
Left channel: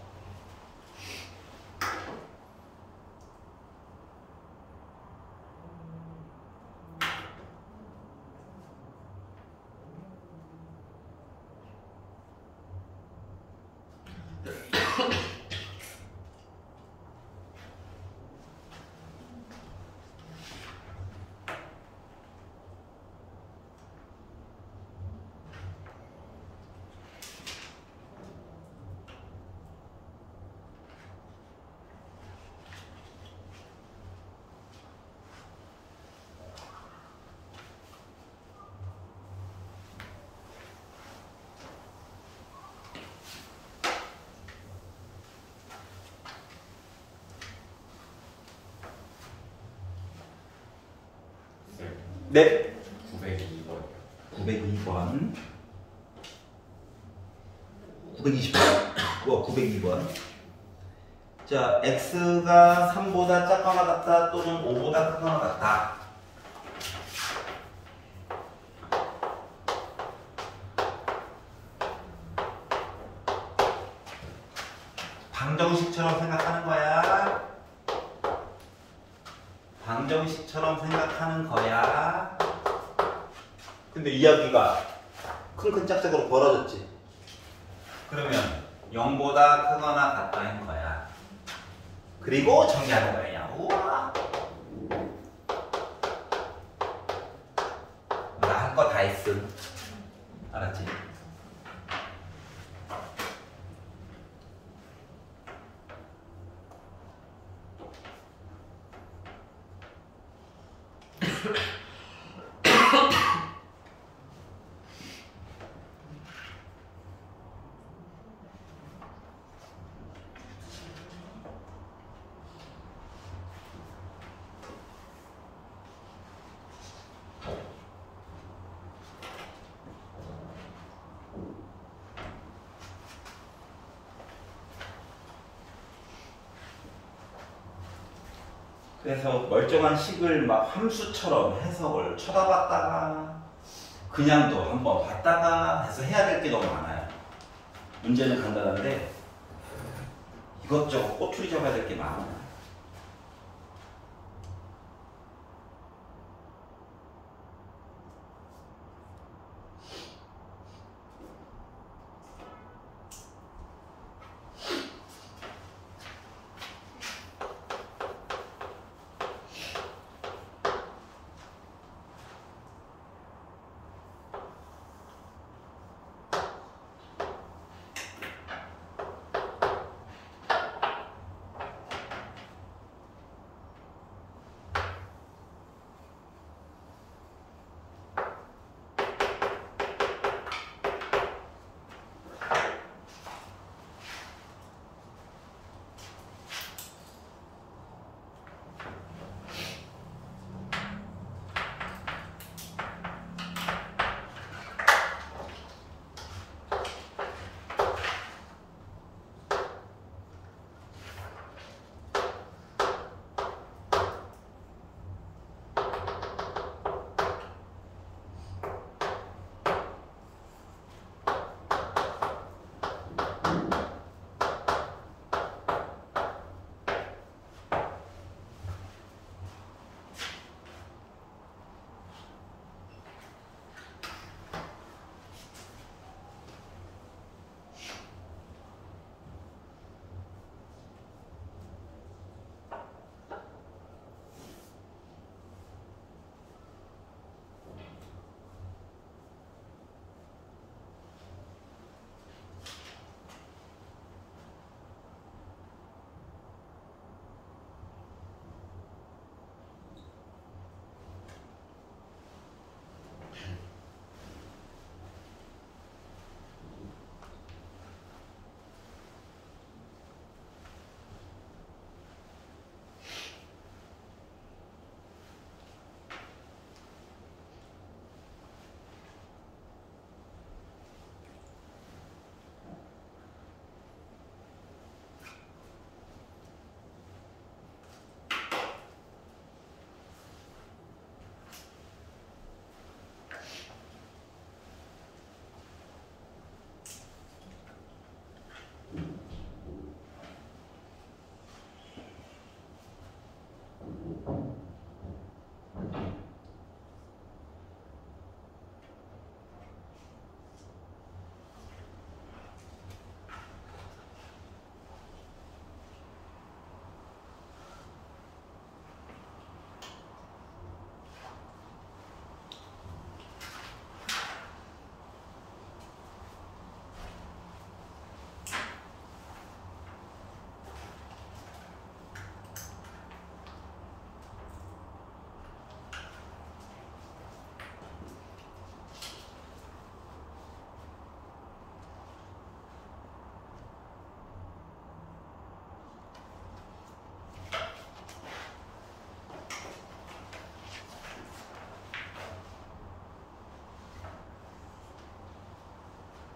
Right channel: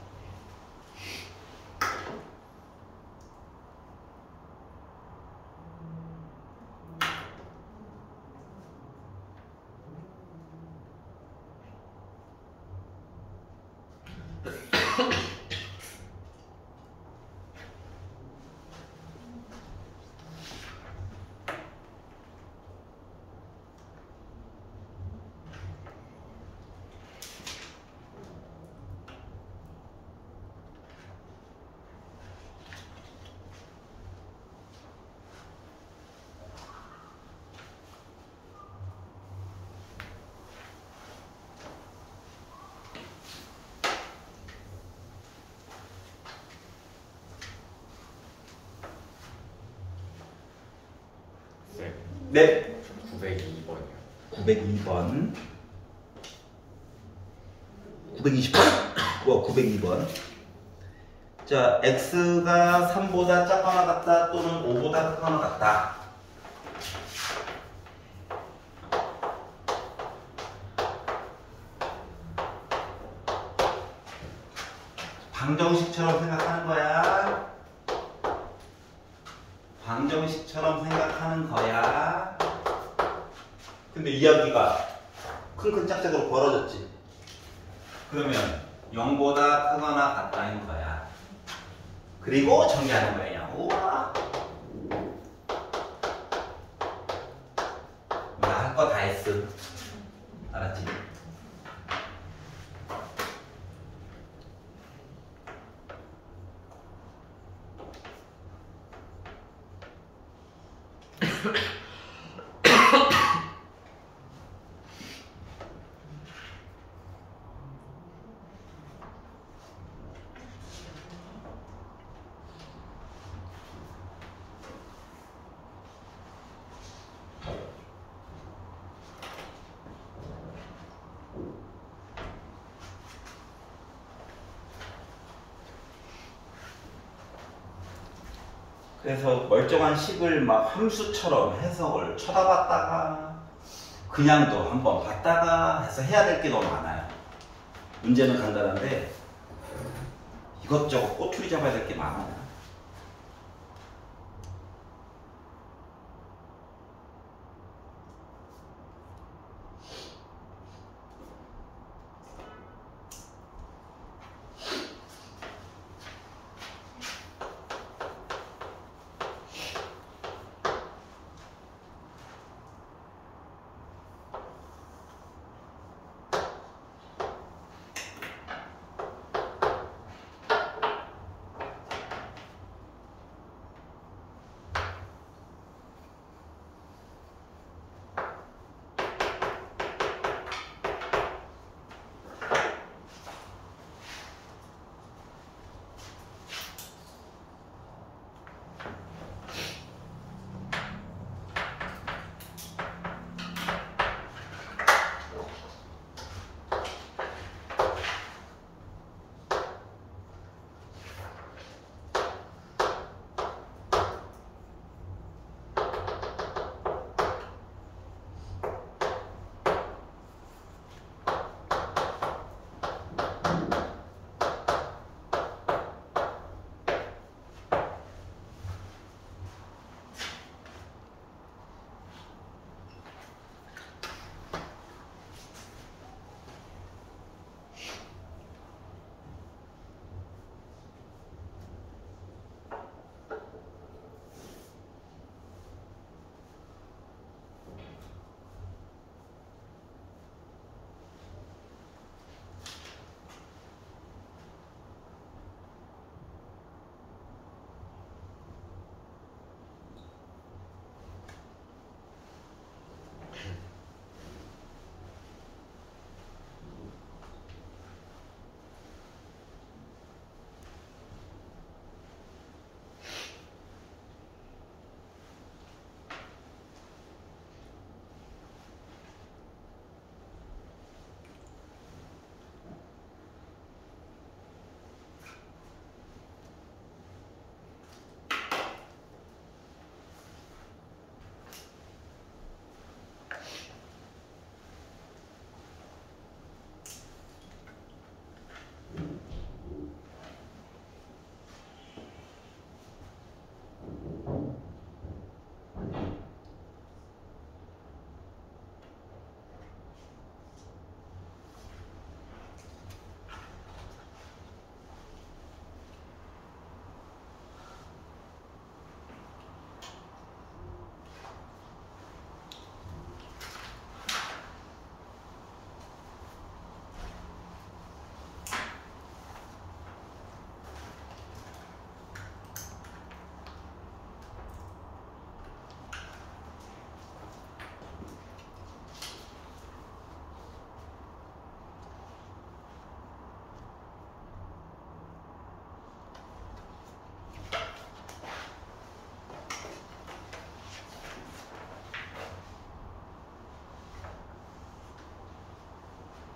네. 902번이요. 902번. 920번? 902번. 자, x가 3보다 작거나 같다 또는 5보다 크거나 같다. 방정식처럼 생각하는 거야. 방정식처럼 생각하는 거야. 근데 이야기가 큰 짝짝으로 벌어졌지. 그러면 0보다 크거나 같다는 거야. 그리고 정리하는 거예요. 우와. 나 할 거 다 했음. 알았지? 그래서 멀쩡한 식을 막 함수처럼 해석을 쳐다봤다가 그냥도 한번 봤다가 해서 해야 될 게 너무 많아요. 문제는 간단한데 이것저것 꼬투리 잡아야 될 게 많아.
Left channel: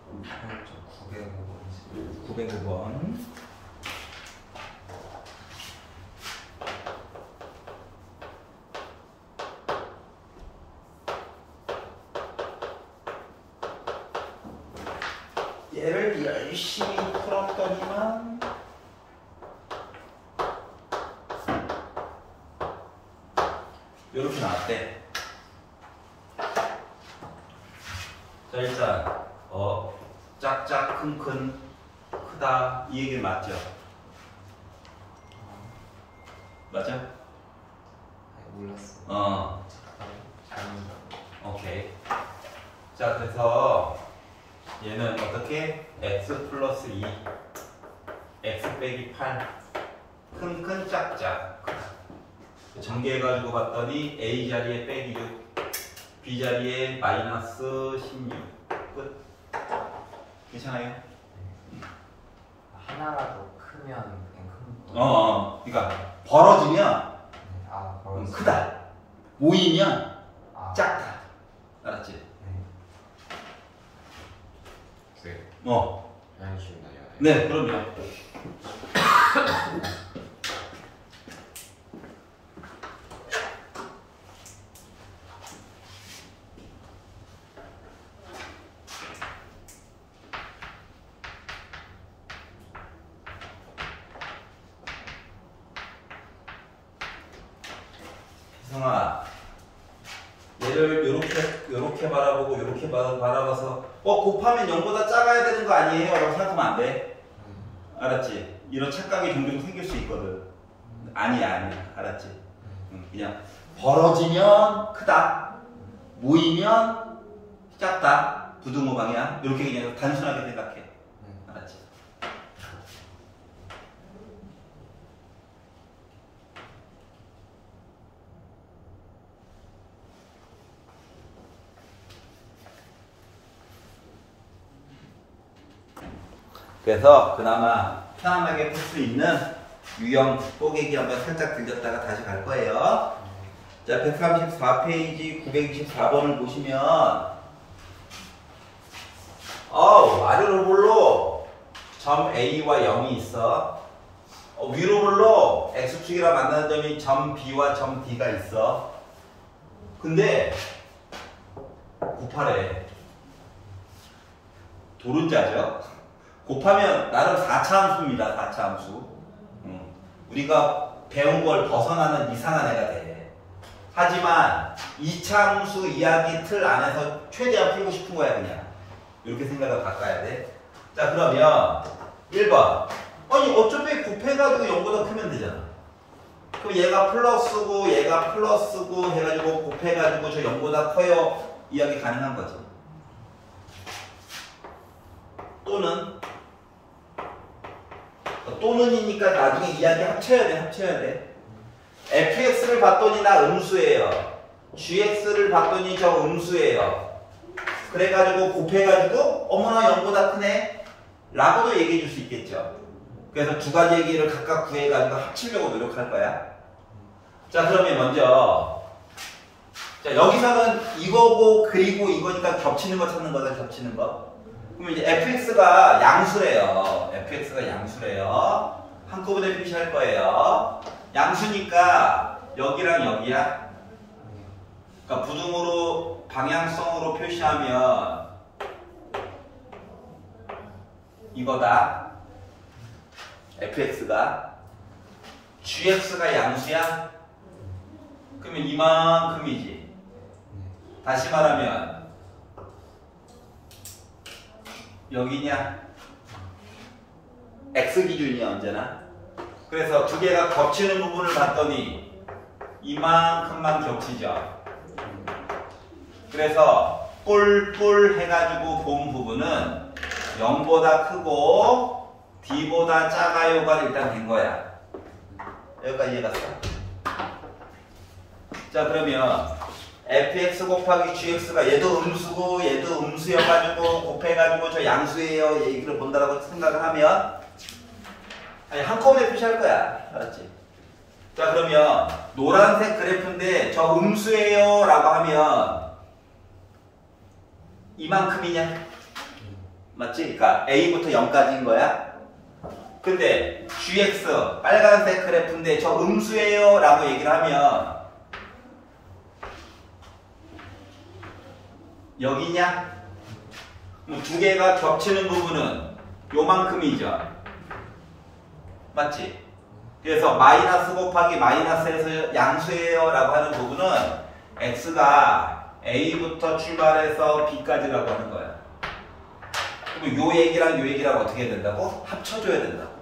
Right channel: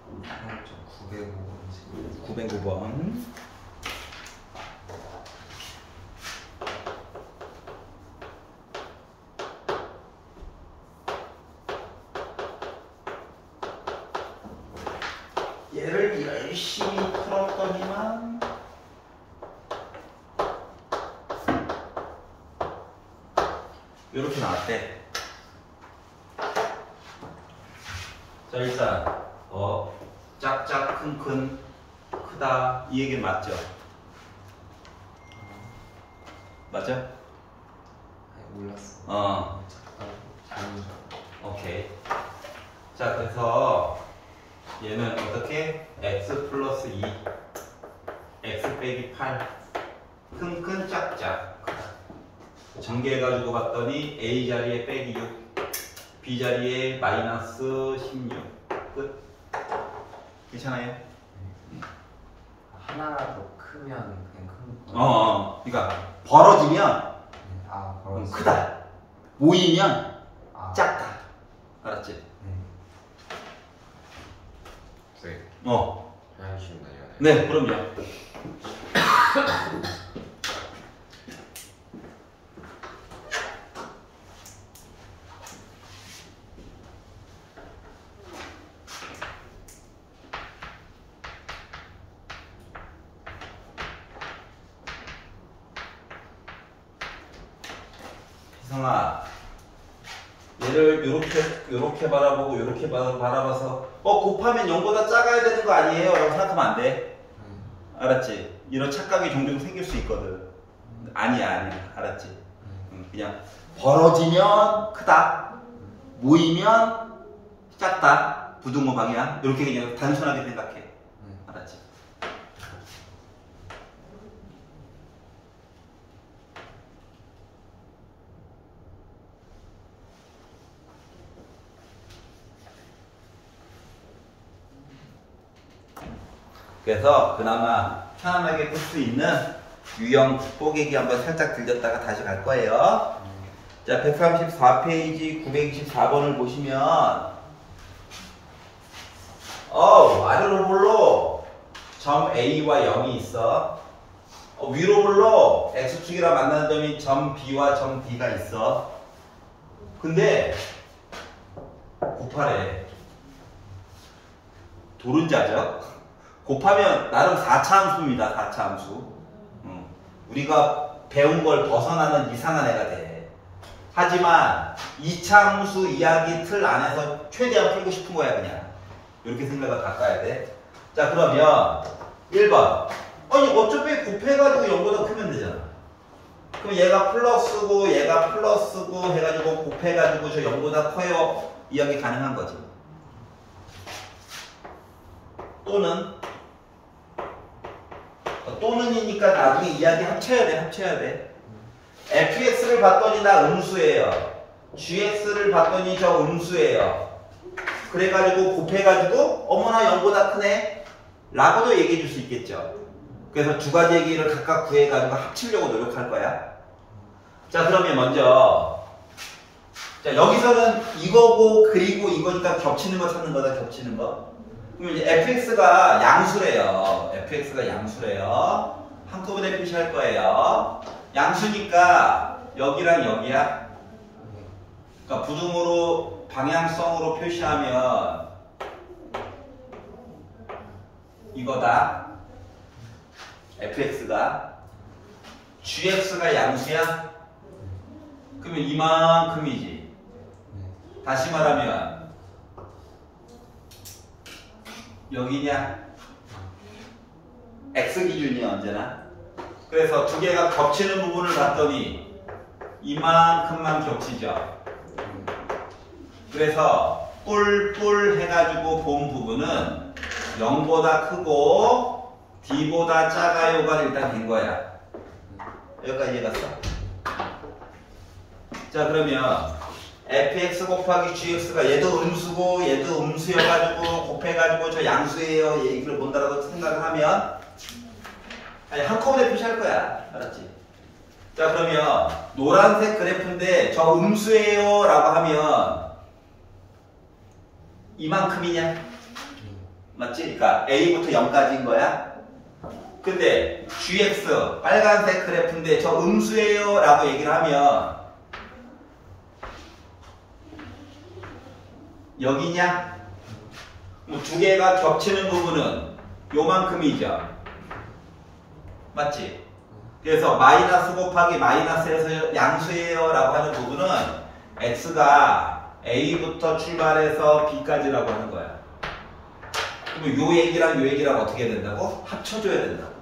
좀 909번. 얘를 열심히 풀었더니만 이렇게 나왔대. 자, 일단 짝짝 큰큰 크다 이 얘기는 맞죠? 맞아? 아니, 몰랐어. 잘못을. 오케이. 자, 그래서 얘는 어떻게? x 플러스 2 x 빼기 8 큰큰 짝짝 전개해가지고 봤더니 a 자리에 빼기 6 b 자리에 마이너스 16 끝. 괜찮아요? 하나라도 크면 그냥 큰 거. 그러니까 벌어지면 벌써. 크다. 모이면 아, 작다. 알았지? 네. 하나씩 쉬운 날이야. 네, 그럼요. 희성아, 얘를 요렇게 바라보고 요렇게 바라봐서 곱하면 0보다 작아야 되는 거 아니에요? 라고 생각하면 안 돼. 알았지? 이런 착각이 종종 생길 수 있거든. 아니야. 알았지? 그냥 벌어지면 크다, 모이면 작다, 부등호 방향. 이렇게 그냥 단순하게 생각해. 알았지? 그래서 그나마 편안하게 풀 수 있는 유형 뽀개기 한번 살짝 들렸다가 다시 갈 거예요. 자, 134페이지 924번을 보시면 아래로 볼로 점 A와 0이 있어. 위로 볼로 X축이랑 만나는 점이 점 B와 점 D가 있어. 근데 곱하래. 도른자죠? 곱하면 나름 4차 함수입니다. 4차 함수. 우리가 배운 걸 벗어나는 이상한 애가 돼. 하지만 2차 함수 이야기 틀 안에서 최대한 풀고 싶은 거야. 그냥 이렇게 생각을 바꿔야 돼. 자, 그러면 1번. 아니 어차피 곱해가지고 0보다 크면 되잖아. 그럼 얘가 플러스고 얘가 플러스고 해가지고 곱해가지고 저 0보다 커요. 이야기 가능한 거지. 또는이니까 나중에 이야기 합쳐야 돼. fx를 봤더니 나 음수예요. gx를 봤더니 저 음수예요. 그래가지고 곱해가지고 어머나 0보다 크네 라고도 얘기해 줄 수 있겠죠. 그래서 두 가지 얘기를 각각 구해가지고 합치려고 노력할 거야. 자, 그러면 먼저 자, 여기서는 이거고 그리고 이거니까 겹치는 거 찾는 거다. 겹치는 거. 그럼 이제 fx가 양수래요. fx가 양수래요. 한꺼번에 표시할 거예요. 양수니까 여기랑 여기야. 그러니까 부등호로 방향성으로 표시하면 이거다. fx가 gx가 양수야? 그러면 이만큼이지. 다시 말하면 여기냐? x 기준이야 언제나. 그래서 두 개가 겹치는 부분을 봤더니 이만큼만 겹치죠. 그래서 뿔뿔 해가지고 본 부분은 0보다 크고 D보다 작아요가 일단 된 거야. 여기까지 이해갔어? 자, 그러면 fx 곱하기 gx가 얘도 음수고 얘도 음수여가지고 곱해가지고 저 양수예요 얘기를 본다라고 생각을 하면 한꺼번에 표시할 거야. 알았지? 자, 그러면 노란색 그래프인데 저 음수예요 라고 하면 이만큼이냐? 맞지? 그러니까 A부터 0까지인 거야. 근데 gx 빨간색 그래프인데 저 음수예요 라고 얘기를 하면 여기냐? 두 개가 겹치는 부분은 요만큼이죠. 맞지? 그래서 마이너스 곱하기 마이너스에서 양수예요 라고 하는 부분은 x가 a부터 출발해서 b까지라고 하는 거야. 그럼 요 얘기랑 요 얘기랑 어떻게 해야 된다고? 합쳐줘야 된다고.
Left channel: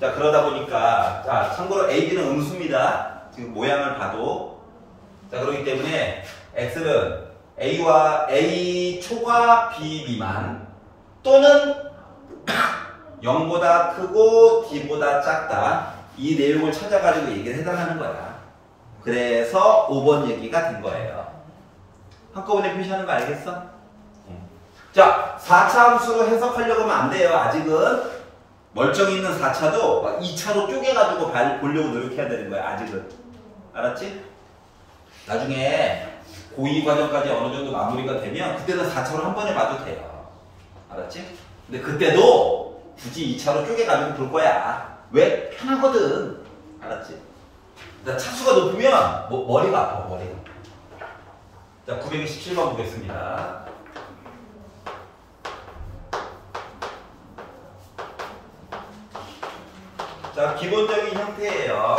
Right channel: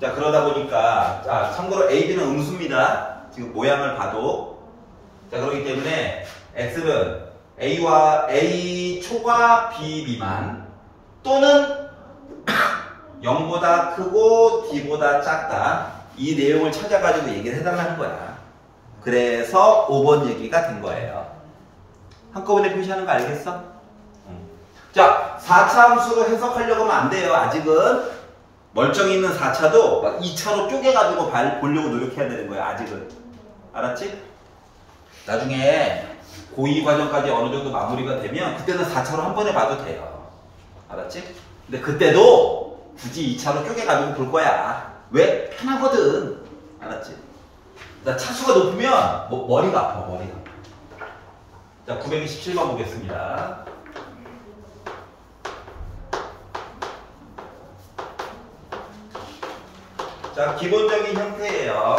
자, 그러다 보니까 참고로 a, b는 음수입니다. 지금 모양을 봐도. 자, 그렇기 때문에 x는 A 초과 B 미만 또는 0보다 크고 D보다 작다. 이 내용을 찾아가지고 얘기를 해달라는 거야. 그래서 5번 얘기가 된 거예요. 한꺼번에 표시하는 거 알겠어? 자, 4차 함수로 해석하려고 하면 안 돼요. 아직은 멀쩡히 있는 4차도 2차로 쪼개가지고 보려고 노력해야 되는 거야. 아직은. 알았지? 나중에 고2 과정까지 어느 정도 마무리가 되면 그때는 4차로 한 번에 봐도 돼요. 알았지? 근데 그때도 굳이 2차로 쪼개가지고 볼 거야. 왜? 편하거든. 알았지? 나 차수가 높으면 머리가 아파. 머리가. 자, 927번 보겠습니다. 자, 기본적인 형태예요.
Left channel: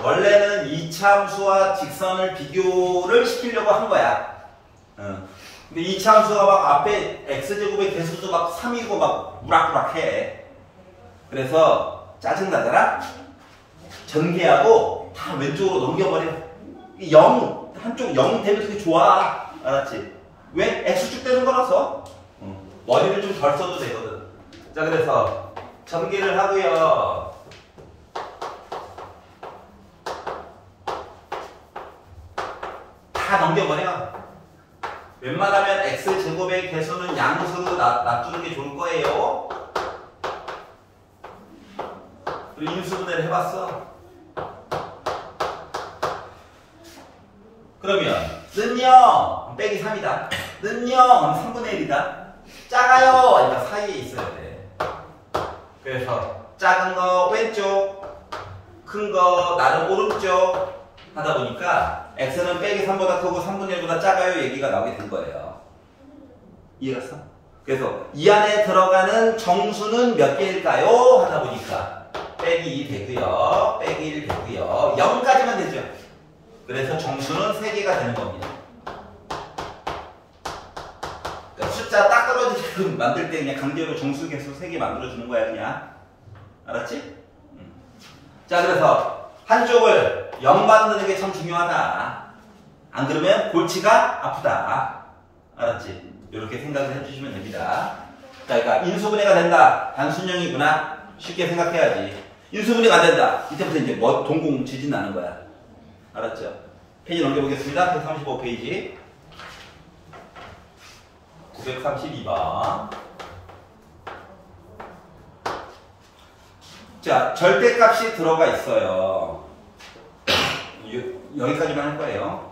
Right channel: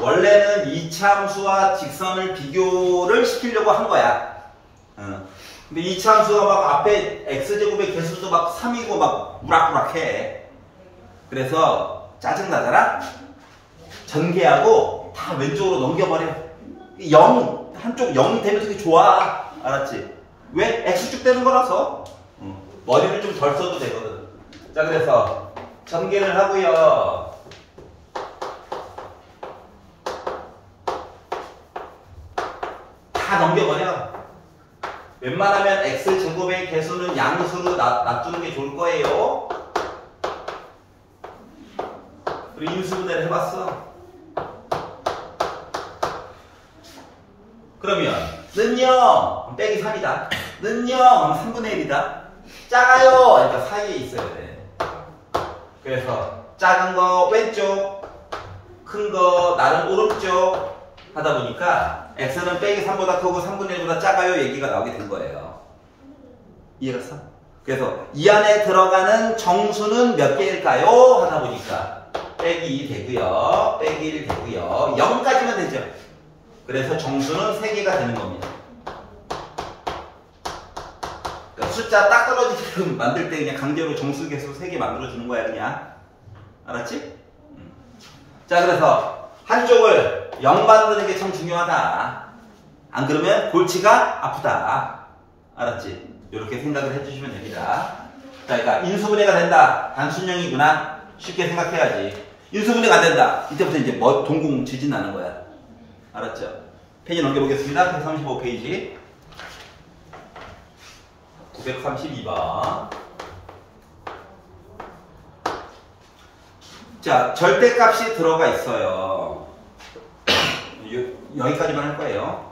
원래는 얘는 이차함수와 직선을 비교를 시키려고 한 거야. 근데 이차함수가 막 앞에 x제곱의 개수도 막 3이고 막 우락부락해. 그래서 짜증나잖아? 전개하고 다 왼쪽으로 넘겨버려. 0, 한쪽 0 되면 되게 좋아. 알았지? 왜? x축 되는 거라서. 머리를 좀 덜 써도 되거든. 자, 그래서 전개를 하고요. 다 넘겨버려. 웬만하면 x제곱의 개수는 양수로 놔두는 게 좋을 거예요. 그리고 인수분해를 해봤어. 그러면 는요 빼기 3이다. 는요 3분의 1이다. 작아요. 그러니까 사이에 있어야 돼. 그래서 작은 거 왼쪽, 큰 거 나는 오른쪽 하다 보니까 x는 빼기 3보다 크고 3분의 1보다 작아요 얘기가 나오게 된 거예요. 이해갔어? 그래서 이 안에 들어가는 정수는 몇 개일까요? 하다 보니까 빼기 2 되고요. 빼기 1 되고요. 0까지만 되죠. 그래서 정수는 3개가 되는 겁니다. 그러니까 숫자 딱 떨어지게끔 만들 때 그냥 강제로 정수 개수 3개 만들어주는 거야 그냥. 알았지? 자, 그래서 한쪽을 0 만드는 게 참 중요하다. 안 그러면 골치가 아프다. 알았지? 이렇게 생각을 해주시면 됩니다. 자, 그러니까 인수분해가 된다. 단순형이구나. 쉽게 생각해야지. 인수분해가 안 된다. 이때부터 이제 동공 지진 나는 거야. 알았죠? 페이지 넘겨보겠습니다. 135페이지. 932번. 자, 절대값이 들어가 있어요. 여기까지만 할 거예요.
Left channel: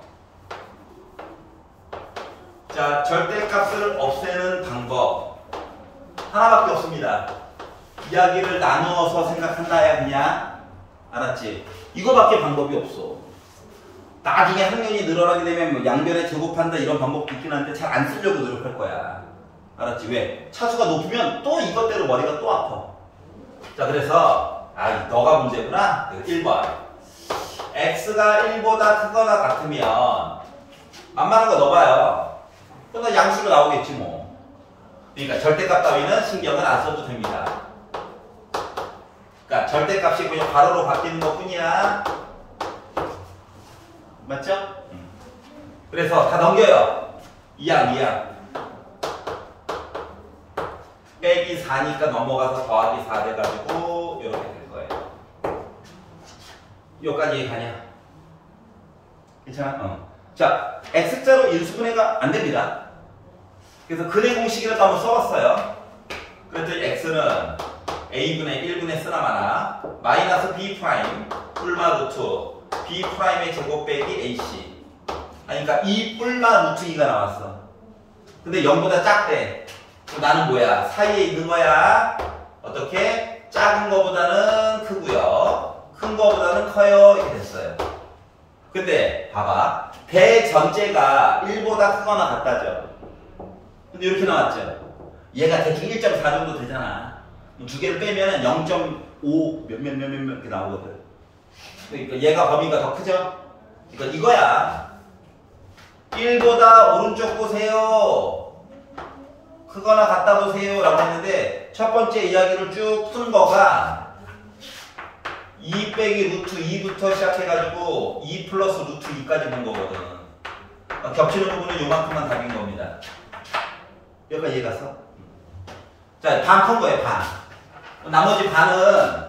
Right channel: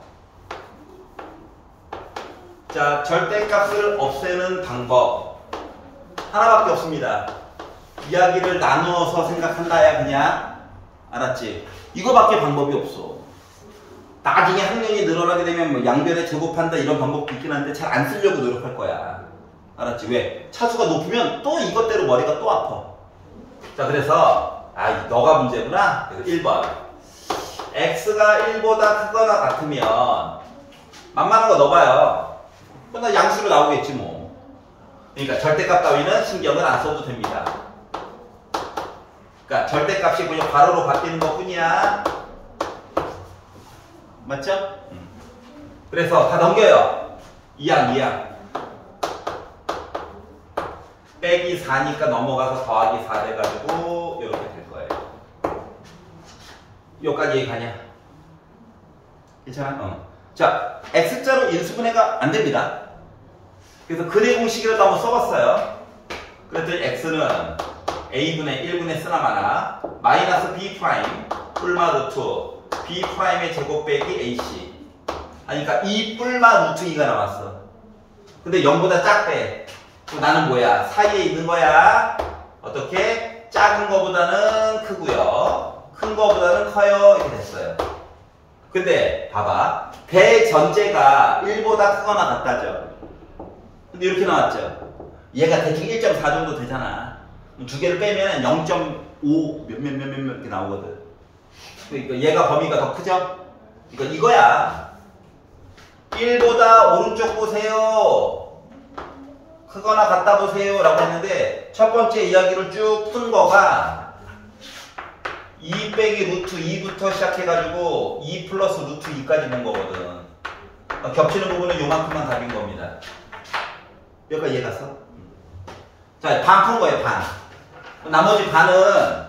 자, 절대값을 없애는 방법 하나밖에 없습니다. 이야기를 나누어서 생각한다야 그냥. 알았지? 이거밖에 방법이 없어. 나중에 학년이 늘어나게 되면 뭐 양변에 제곱한다 이런 방법도 있긴 한데 잘 안 쓰려고 노력할 거야. 알았지? 왜? 차수가 높으면 또 이것대로 머리가 또 아파. 자, 그래서 너가 문제구나. 1번 x가 1보다 크거나 같으면 만만한 거 넣어봐요. 그럼 양수로 나오겠지 뭐. 그러니까 절대값 따위는 신경을 안 써도 됩니다. 그러니까 절대값이 그냥 괄호로 바뀌는 것 뿐이야. 맞죠? 그래서 다 넘겨요. 2항 빼기 4니까 넘어가서 더하기 4 돼가지고 이렇게 될 거예요. 여기까지 얘기 가냐? 괜찮아? 자, x자로 인수분해가 안 됩니다. 그래서 근의 공식이라도 한번 써봤어요. 그랬더니 x는 a분의 1분의 쓰나마나 마이너스 b 프라임 뿔마 루트 b 프라임의 제곱 빼기 ac. 그러니까 2 뿔마 루트 2가 나왔어. 근데 0보다 작대. 나는 뭐야? 사이에 있는 거야. 어떻게? 작은 거보다는 크고요. 큰 거보다는 커요. 이렇게 됐어요. 근데 봐봐. 대전제가 1보다 크거나 같다죠. 근데 이렇게 나왔죠. 얘가 대충 1.4 정도 되잖아. 두 개를 빼면 0.5 몇몇몇몇 이렇게 나오거든. 그러니까 얘가 범위가 더 크죠? 그러니까 이거야. 1보다 오른쪽 보세요. 크거나 같다 보세요 라고 했는데 첫 번째 이야기를 쭉 푼 거가 2 빼기 루트 2부터 시작해가지고 2 플러스 루트 2까지 본 거거든. 겹치는 부분은 요만큼만 답인 겁니다. 여기까지 이해갔어? 자, 반 푼 거예요, 반. 나머지 반은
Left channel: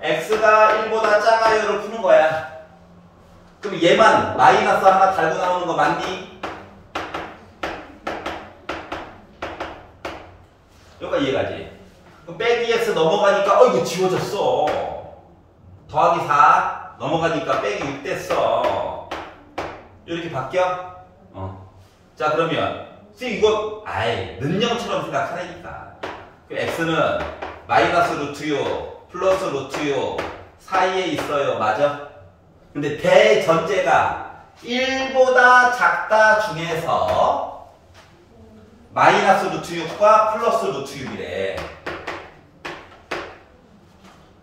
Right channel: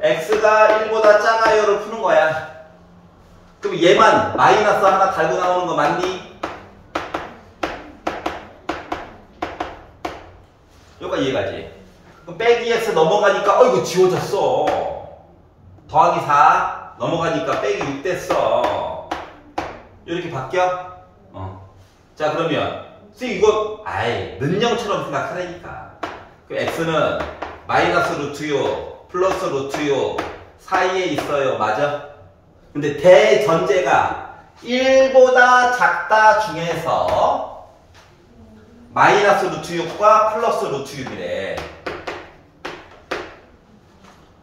x가 1보다 작아요를 푸는 거야. 그럼 얘만 마이너스 하나 달고 나오는 거 맞니? 여기까지 이해가지? 그럼 빼기 x 넘어가니까 이거 지워졌어. 더하기 4 넘어가니까 빼기 6 됐어. 이렇게 바뀌어? 자, 그러면 이거 는형처럼 생각하라니까. 그럼 x는 마이너스 루트 6 플러스 루트 6 사이에 있어요. 맞아? 근데 대전제가 1보다 작다 중에서 마이너스 루트 6과 플러스 루트 6이래.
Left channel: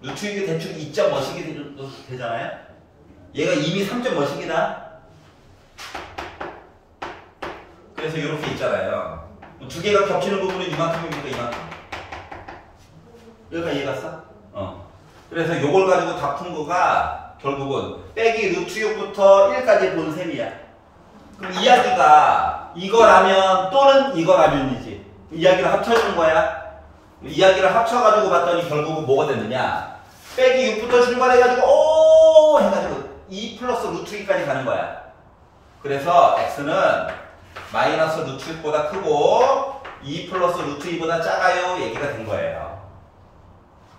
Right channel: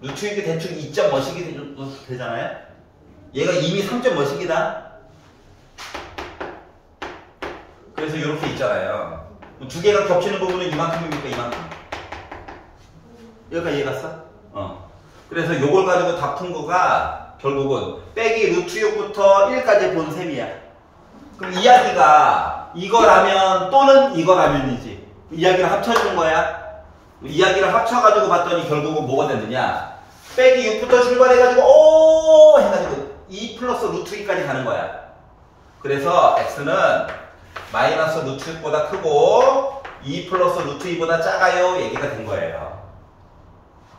루트 6이 대충 2점 뭐씩이 되잖아요? 얘가 이미 3점 몇입니다. 그래서 이렇게 있잖아요. 두 개가 겹치는 부분은 이만큼입니까? 이만큼. 여기까지 이해 갔어? 그래서 요걸 가지고 다 푼 거가 결국은 빼기 루트 6부터 1까지 본 셈이야. 그럼 이야기가 이거라면 또는 이거라면이지. 이야기를 합쳐준 거야. 이야기를 합쳐가지고 봤더니 결국은 뭐가 됐느냐. 빼기 6부터 출발해가지고 오 해가지고 2 플러스 루트 2까지 가는 거야. 그래서 x는 마이너스 루트 6보다 크고 2 플러스 루트 2보다 작아요 얘기가 된 거예요.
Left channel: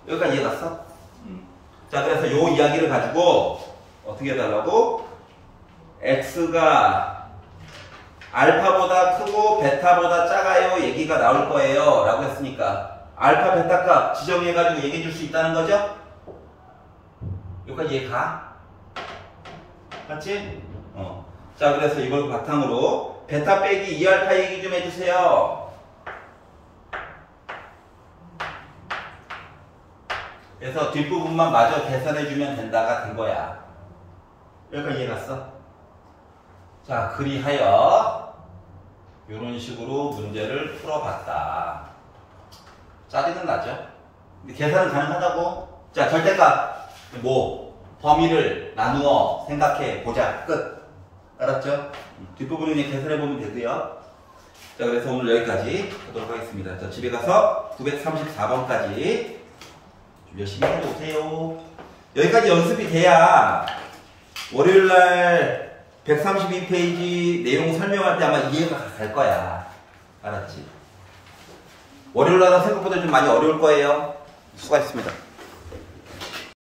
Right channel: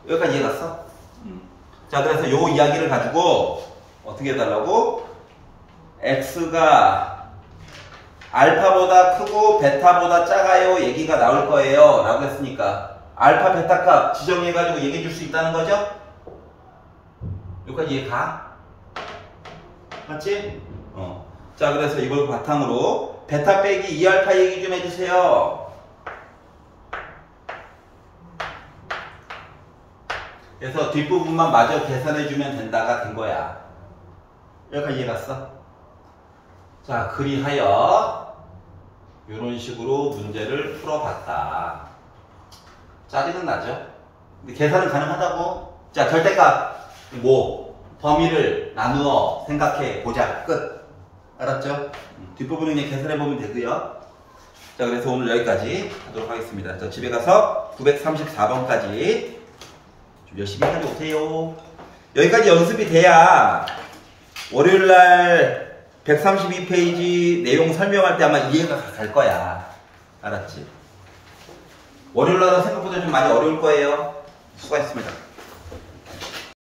여기까지 이해 갔어? 자, 그래서 요 이야기를 가지고 어떻게 해달라고? x가 알파보다 크고 베타보다 작아요 얘기가 나올 거예요 라고 했으니까 알파 베타 값 지정해가지고 얘기해 줄 수 있다는 거죠? 여기까지 이해 가? 맞지? 자, 그래서 이걸 바탕으로 베타 빼기 2알파 얘기 좀 해주세요. 그래서 뒷부분만 마저 계산해주면 된다가 된 거야. 여기까지 이해 갔어? 자, 그리하여 이런 식으로 문제를 풀어봤다. 짜증은 나죠? 근데 계산은 가능하다고? 자, 절대값 범위를 나누어 생각해 보자. 끝. 알았죠? 뒷부분은 그냥 계산해보면 되고요. 자, 그래서 오늘 여기까지 하도록 하겠습니다. 자, 집에 가서 934번까지 좀 열심히 해오세요. 여기까지 연습이 돼야 월요일날 132페이지 내용 설명할 때 아마 이해가 갈 거야. 알았지? 월요일날은 생각보다 좀 많이 어려울 거예요. 수고하셨습니다.